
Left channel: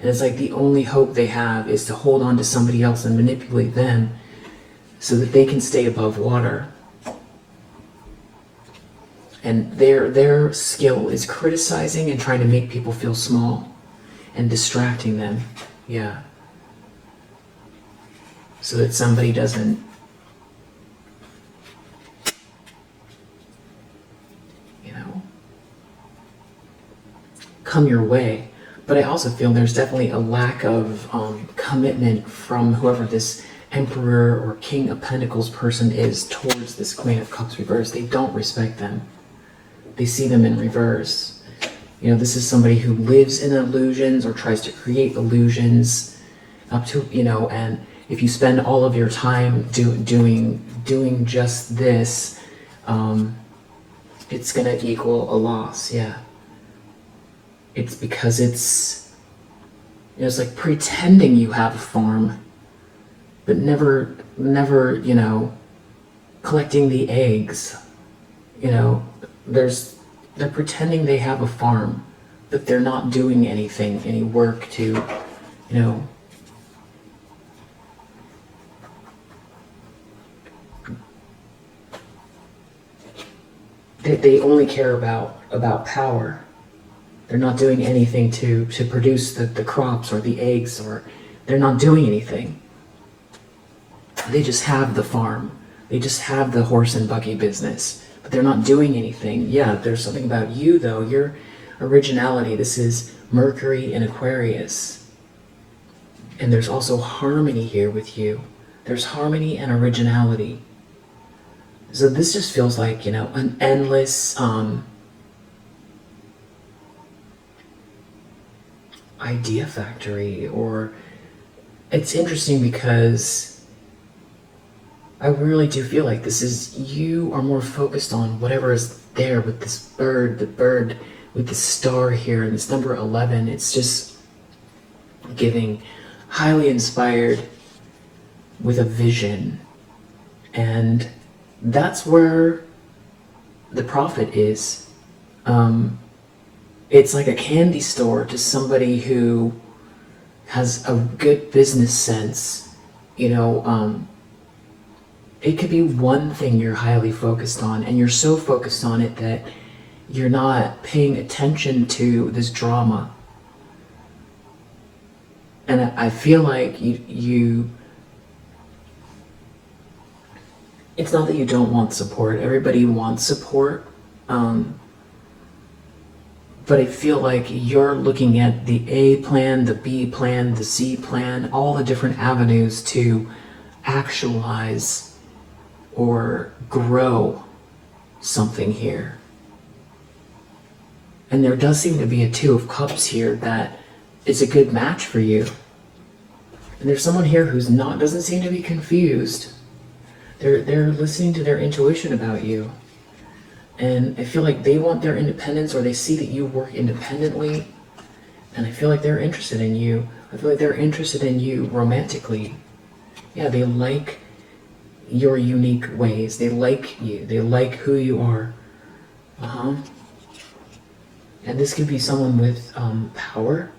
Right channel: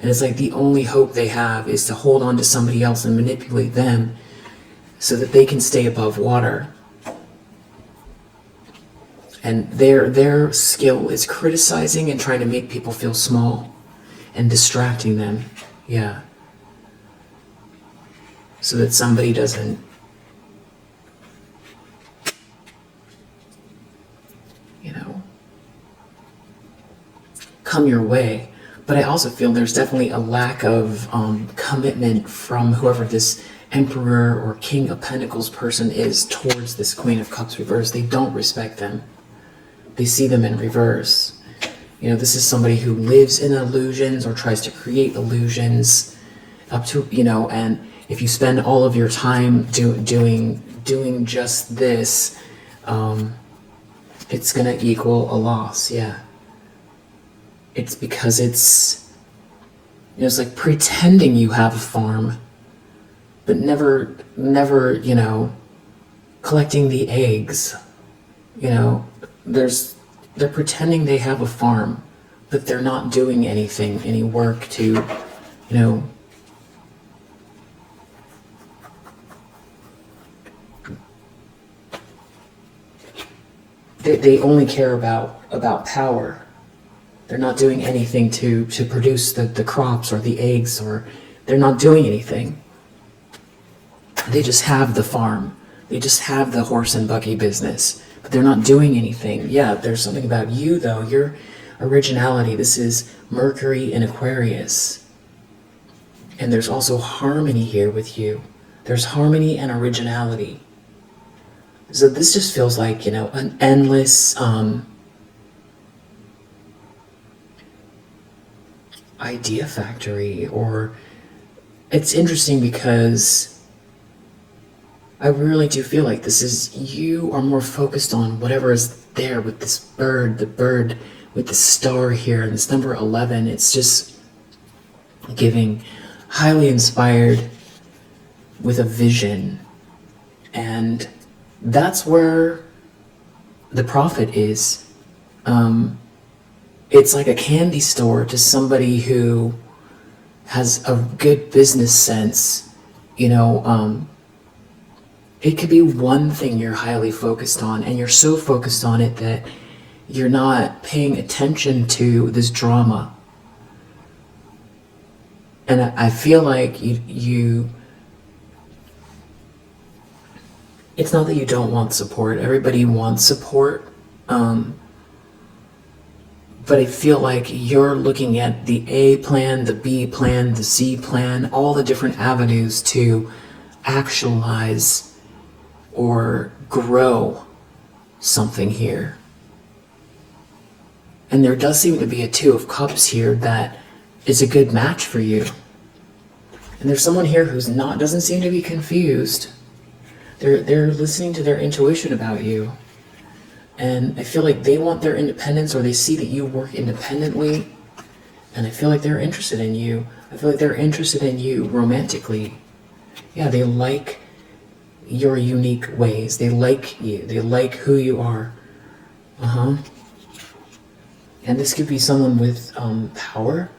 And it's like the only hope they have is to hold on to somebody else and manipulate them so that they can stay above water. And their skill is criticizing and trying to make people feel small and distracting them. Yeah. So that somebody doesn't come your way. But I also feel there's definitely a lack of commitment from whoever this Emperor or King of Pentacles person is towards this Queen of Cups reverse. They don't respect them. They see them in reverse. This is somebody who lives in illusions or tries to create illusions up to, and if you spend all of your time doing just this, it's going to equal a loss. Yeah. It's because it's like pretending you have a farm, but never, collecting the eggs. They're pretending they have a farm, but they're not doing any work to, they only care about power. They're not doing anything to produce the crops or the eggs, or they're not doing anything. They just have the farm. They just have the horse and buggy business, but they're not doing anything. Yeah, there's something about you, though. Your originality. This is Mercury in Aquarius. And there's also harmony here with you. There's harmony and originality. So this just feels like, an endless idea factory. Or it's interesting because I really do feel like this is, you are more focused on whatever is there with this bird, the bird with the star here, and this number 11. It's just giving highly inspired with a vision. And that's where the prophet is. It's like a candy store to somebody who has a good business sense. It could be one thing you're highly focused on, and you're so focused on it that you're not paying attention to this drama. And I feel like you it's not that you don't want support. Everybody wants support. But I feel like you're looking at the A plan, the B plan, the C plan, all the different avenues to actualize or grow something here. And there does seem to be a Two of Cups here that is a good match for you. And there's someone here who's doesn't seem to be confused. They're listening to their intuition about you. And I feel like they want their independence, or they see that you work independently. And I feel like they're interested in you. I feel like they're interested in you romantically. Yeah, they like your unique ways. They like you. They like who you are. And this could be someone with power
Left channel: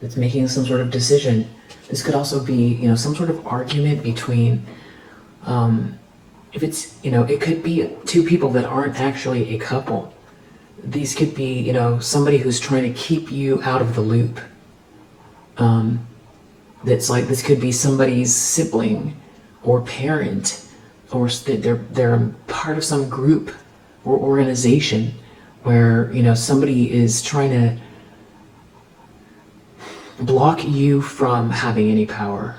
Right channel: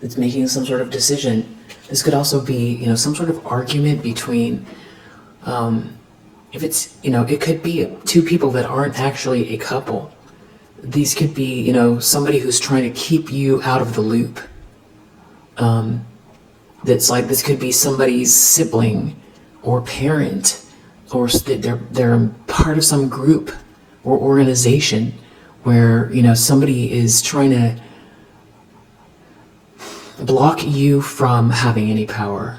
that's making some sort of decision. This could also be, some sort of argument between, if it's, it could be two people that aren't actually a couple. These could be, somebody who's trying to keep you out of the loop. That's like, this could be somebody's sibling or parent, or they're part of some group or organization where, somebody is trying to block you from having any power.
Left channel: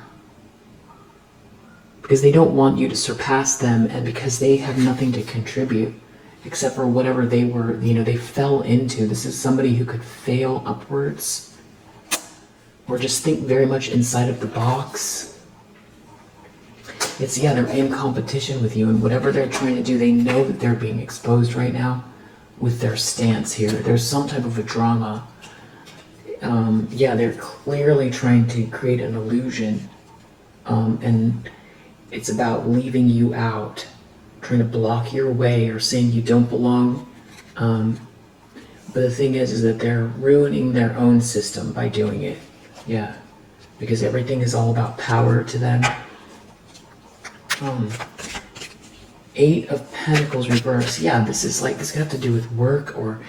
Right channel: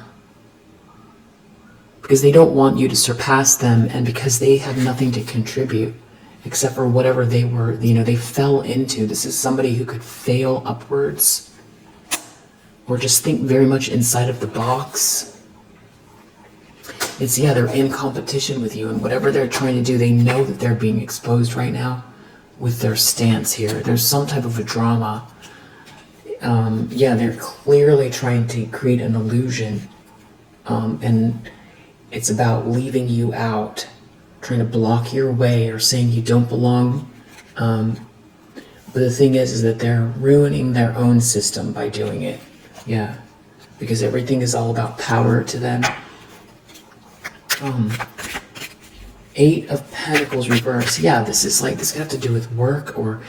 Because they don't want you to surpass them, and because they have nothing to contribute except for whatever they were, they fell into. This is somebody who could fail upwards, or just think very much inside of the box. They're in competition with you, and whatever they're trying to do, they know that they're being exposed right now with their stance here. There's some type of a drama. They're clearly trying to create an illusion, and it's about leaving you out, trying to block your way, or saying you don't belong. But the thing is that they're ruining their own system by doing it. Yeah, because everything is all about power to them. 8 of Pentacles reverse. Yeah, this could have to do with work, or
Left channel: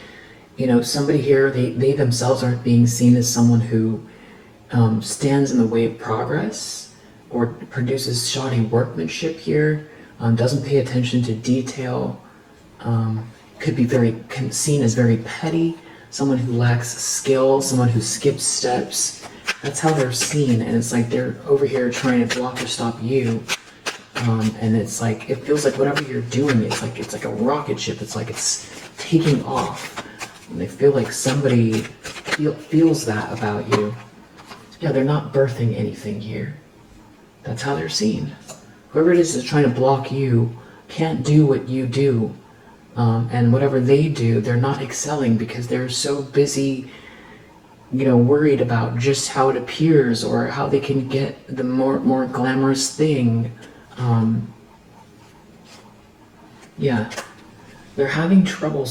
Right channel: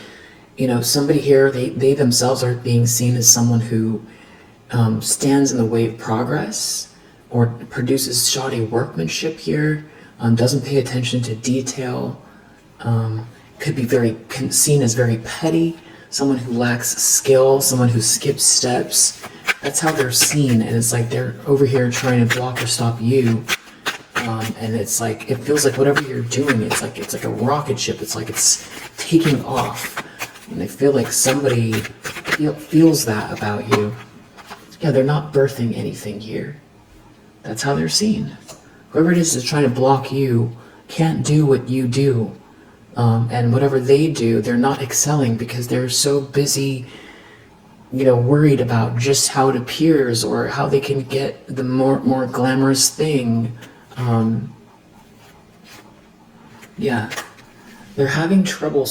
somebody here, they themselves are being seen as someone who stands in the way of progress, or produces shoddy workmanship here, doesn't pay attention to detail, could be seen as very petty, someone who lacks skill, someone who skips steps. That's how they're seen, and it's like they're over here trying to block or stop you. And it's like, it feels like whatever you're doing, it's like a rocket ship. It's like it's taking off. And I feel like somebody feels that about you. Yeah, they're not birthing anything here. That's how they're seen. Whoever it is that's trying to block you can't do what you do. And whatever they do, they're not excelling because they're so busy, worried about just how it appears or how they can get the more glamorous thing. They're having trouble,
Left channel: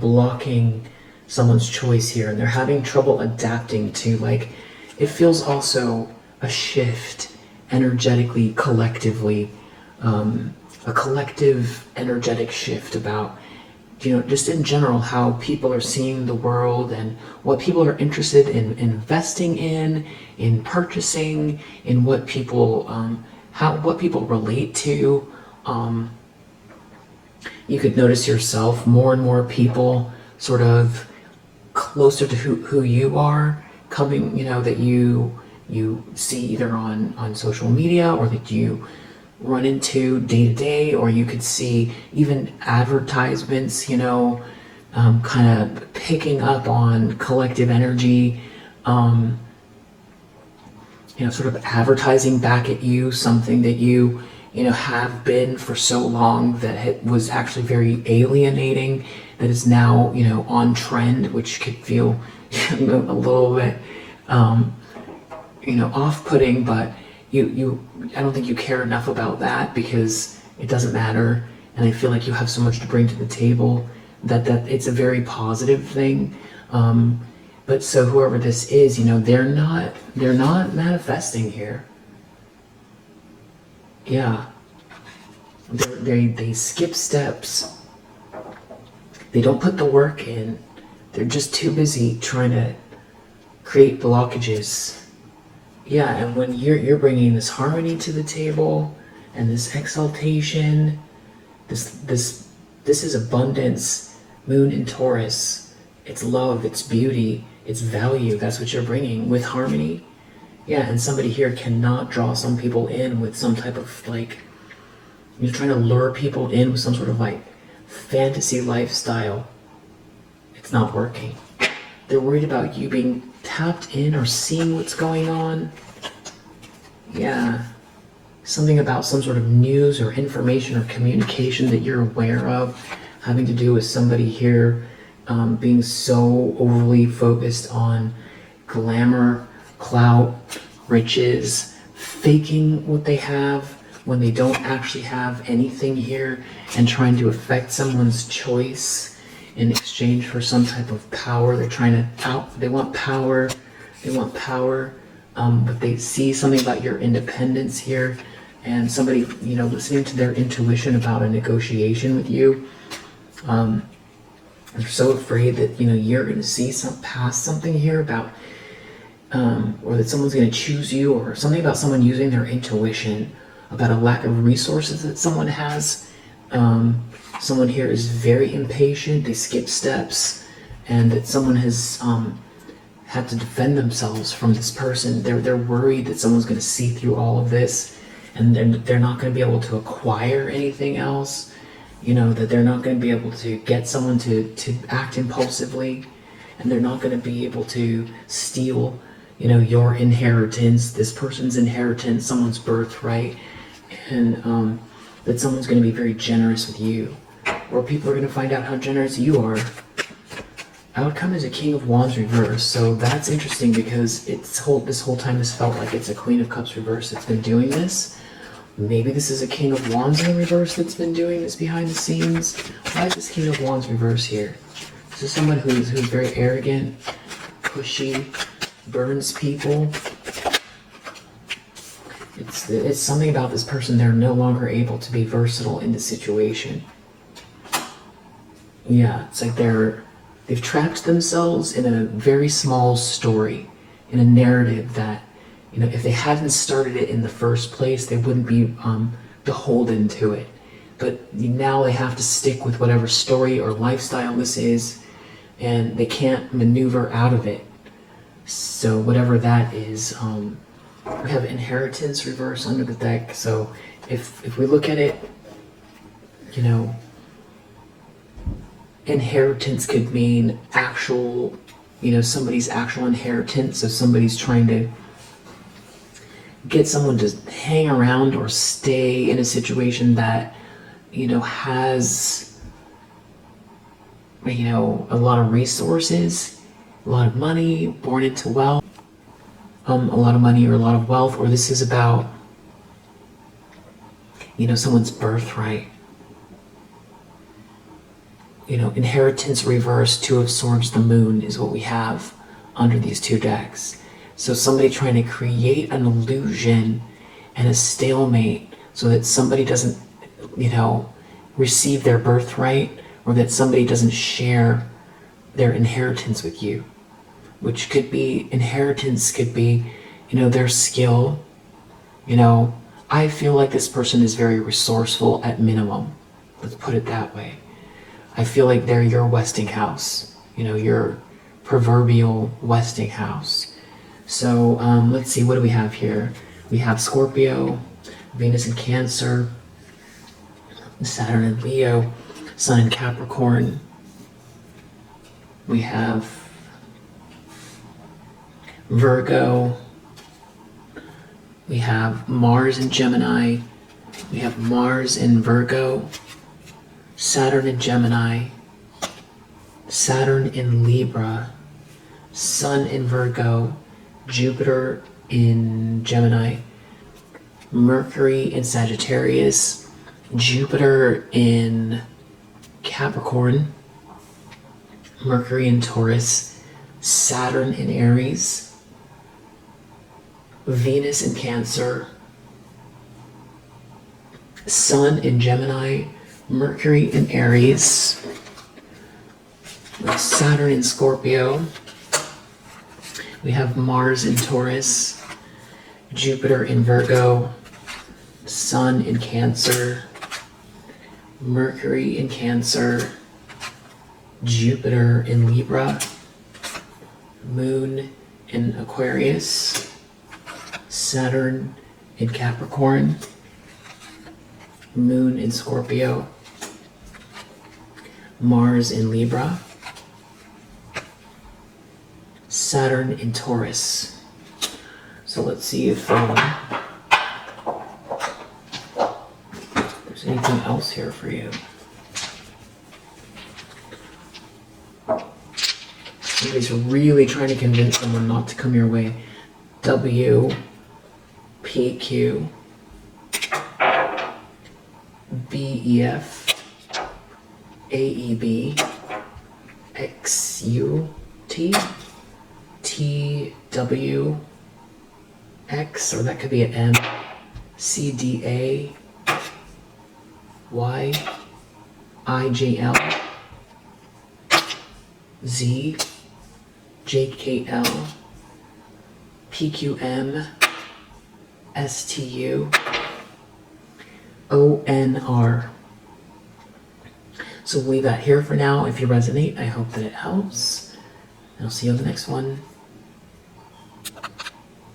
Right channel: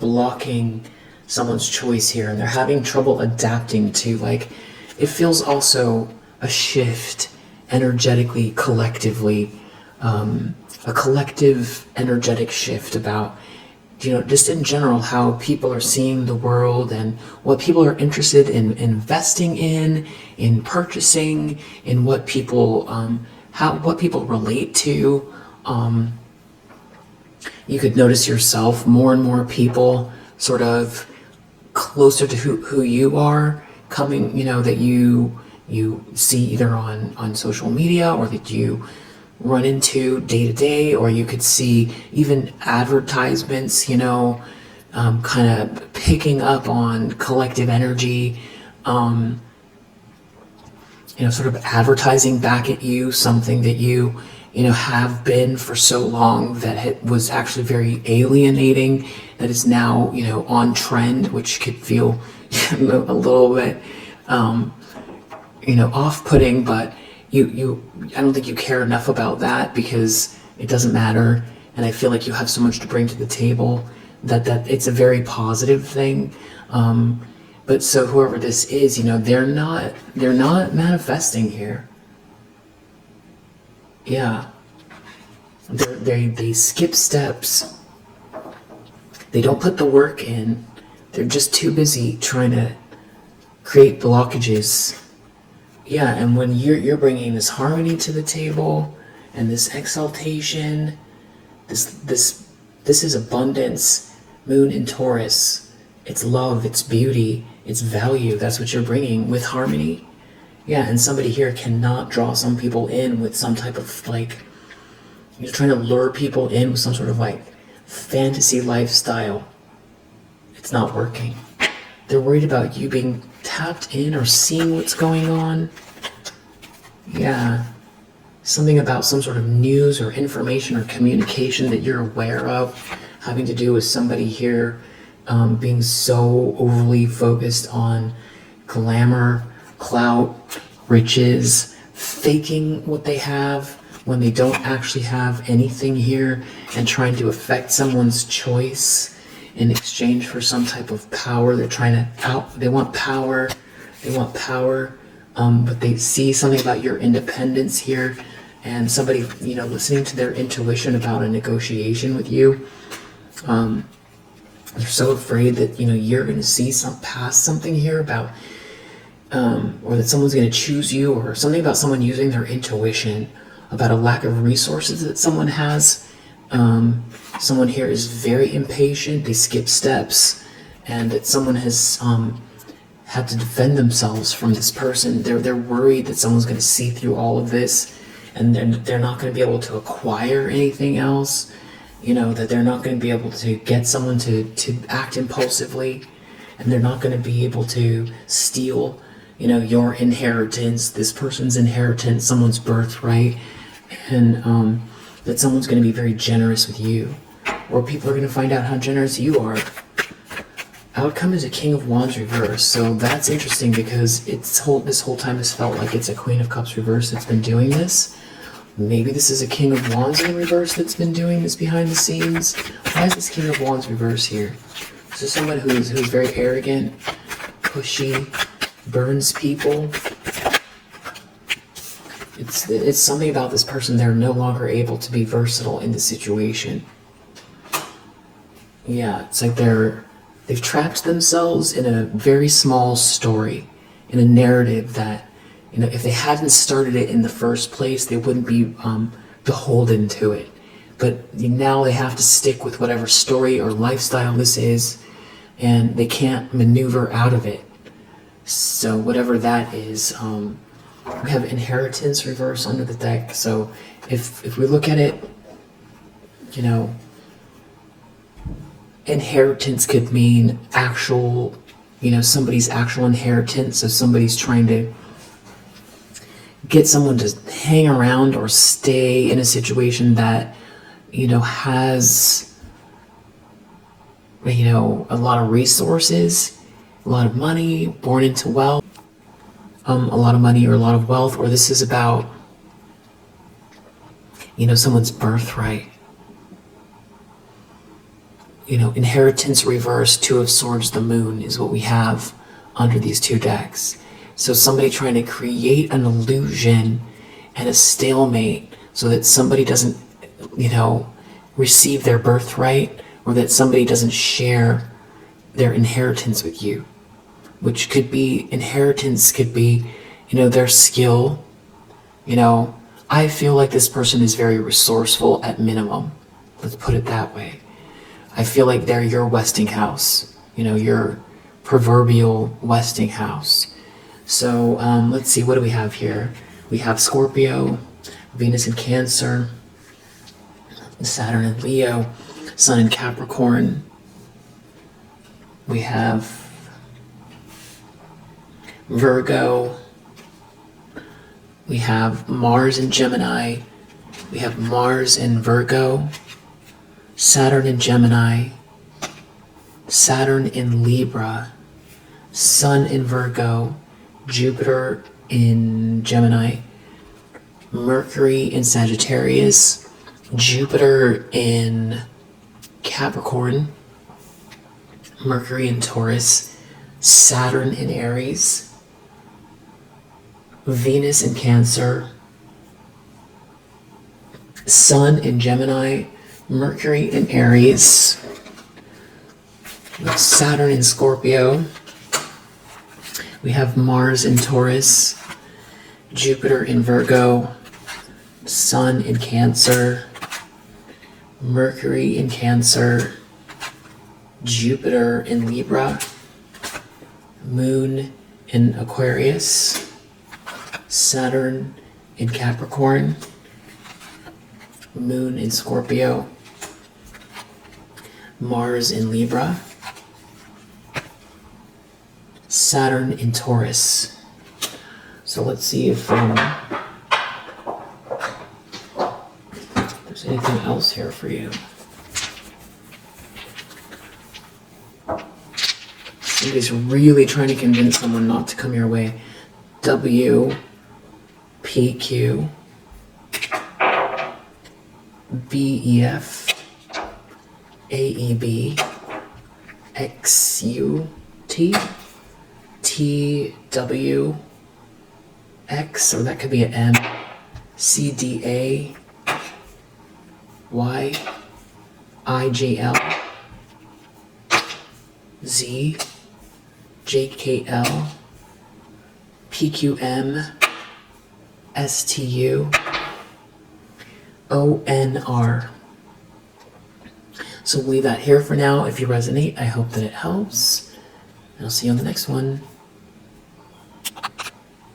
blocking someone's choice here, and they're having trouble adapting to, it feels also a shift energetically, collectively, a collective energetic shift about, just in general, how people are seeing the world and what people are interested in investing in purchasing, in what people, what people relate to. You could notice yourself, more and more people sort of closer to who you are coming, that you see either on social media, or that you run into day to day, or you could see even advertisements, kind of picking up on collective energy. sort of advertising back at you something that you have been for so long that it was actually very alienating, that is now, on trend, which could feel a little bit, off-putting, but I don't think you care enough about that because it doesn't matter. And I feel like you have so much to bring to the table that it's a very positive thing. But so whoever this is, they're not manifesting here. Yeah. They skip steps. They don't put the work in. They're just too busy trying to create blockages. Yeah, and when you're bringing this harmony to the table and this exaltation, this is abundance, moon in Taurus. It's love, it's beauty, it's value. That's what you're bringing with harmony. Yeah, and somebody here cannot draw some people in with some type of you're trying to lure people in with some sort of fantasy lifestyle. It's not working. They're worried about you being tapped in or seeing what's going on. Yeah. Something about some sort of news or information or communication that you're aware of, having to do with somebody here being so overly focused on glamour, clout, riches, faking what they have when they don't actually have anything here, and trying to affect someone's choice in exchange for some type of power. They want power, but they see something about your independence here, and somebody, listening to their intuition about a negotiation with you. They're so afraid that, you're going to see past something here about, or that someone's going to choose you, or something about someone using their intuition, about a lack of resources that someone has. Someone here is very impatient, they skip steps, and that someone has had to defend themselves from this person. They're worried that someone's going to see through all of this, and they're not going to be able to acquire anything else. That they're not going to be able to get someone to act impulsively, and they're not going to be able to steal, your inheritance, this person's inheritance, someone's birthright, and that someone's going to be very generous with you, or people are going to find out how generous you are. Outcome is a King of Wands reverse, so that's interesting because this whole time has felt like it's a Queen of Cups reverse that's been doing this. Maybe this is a King of Wands in reverse that's been doing this behind the scenes. Why is this King of Wands reverse here? Is this someone who's very arrogant, pushy, burns people? It's something about this person. They're no longer able to be versatile in the situation. Yeah, it's like they've trapped themselves in a very small story, in a narrative that, if they hadn't started it in the first place, they wouldn't be beholden to it. But now they have to stick with whatever story or lifestyle this is, and they can't maneuver out of it. So whatever that is, we have inheritance reverse under the deck. So if we look at it, inheritance could mean actual, somebody's actual inheritance. So somebody's trying to get someone to hang around or stay in a situation that, has, a lot of resources, a lot of money, born into wealth, a lot of money or a lot of wealth, or this is about, someone's birthright. Inheritance reverse, Two of Swords, the Moon is what we have under these two decks. So somebody trying to create an illusion and a stalemate so that somebody doesn't, receive their birthright, or that somebody doesn't share their inheritance with you. Which could be, inheritance could be, their skill. I feel like this person is very resourceful at minimum. Let's put it that way. I feel like they're your Westinghouse, your proverbial Westinghouse. So let's see, what do we have here? We have Scorpio, Venus in Cancer, Saturn in Leo, Sun in Capricorn. We have Virgo, We have Mars in Gemini. We have Mars in Virgo, Saturn in Gemini, Saturn in Libra, Sun in Virgo, Jupiter in Gemini, Mercury in Sagittarius, Jupiter in Capricorn, Mercury in Taurus, Saturn in Aries, Venus in Cancer, Sun in Gemini, Mercury in Aries, Saturn in Scorpio. We have Mars in Taurus, Jupiter in Virgo, Sun in Cancer, Mercury in Cancer, Jupiter in Libra, Moon in Aquarius, Saturn in Capricorn, Moon in Scorpio, Mars in Libra, Saturn in Taurus. So let's see if there's anything else here for you. Somebody's really trying to convince someone not to come your way. W, P, Q, B, E, F, A, E, B, X, U, T, T, W, X, or that could be an M, C, D, A, Y, I, J, L, Z, J, K, L, P, Q, M, S, T, U, O, N, R. So we'll leave that here for now. If you resonate, I hope that it helps. And I'll see you on the next one.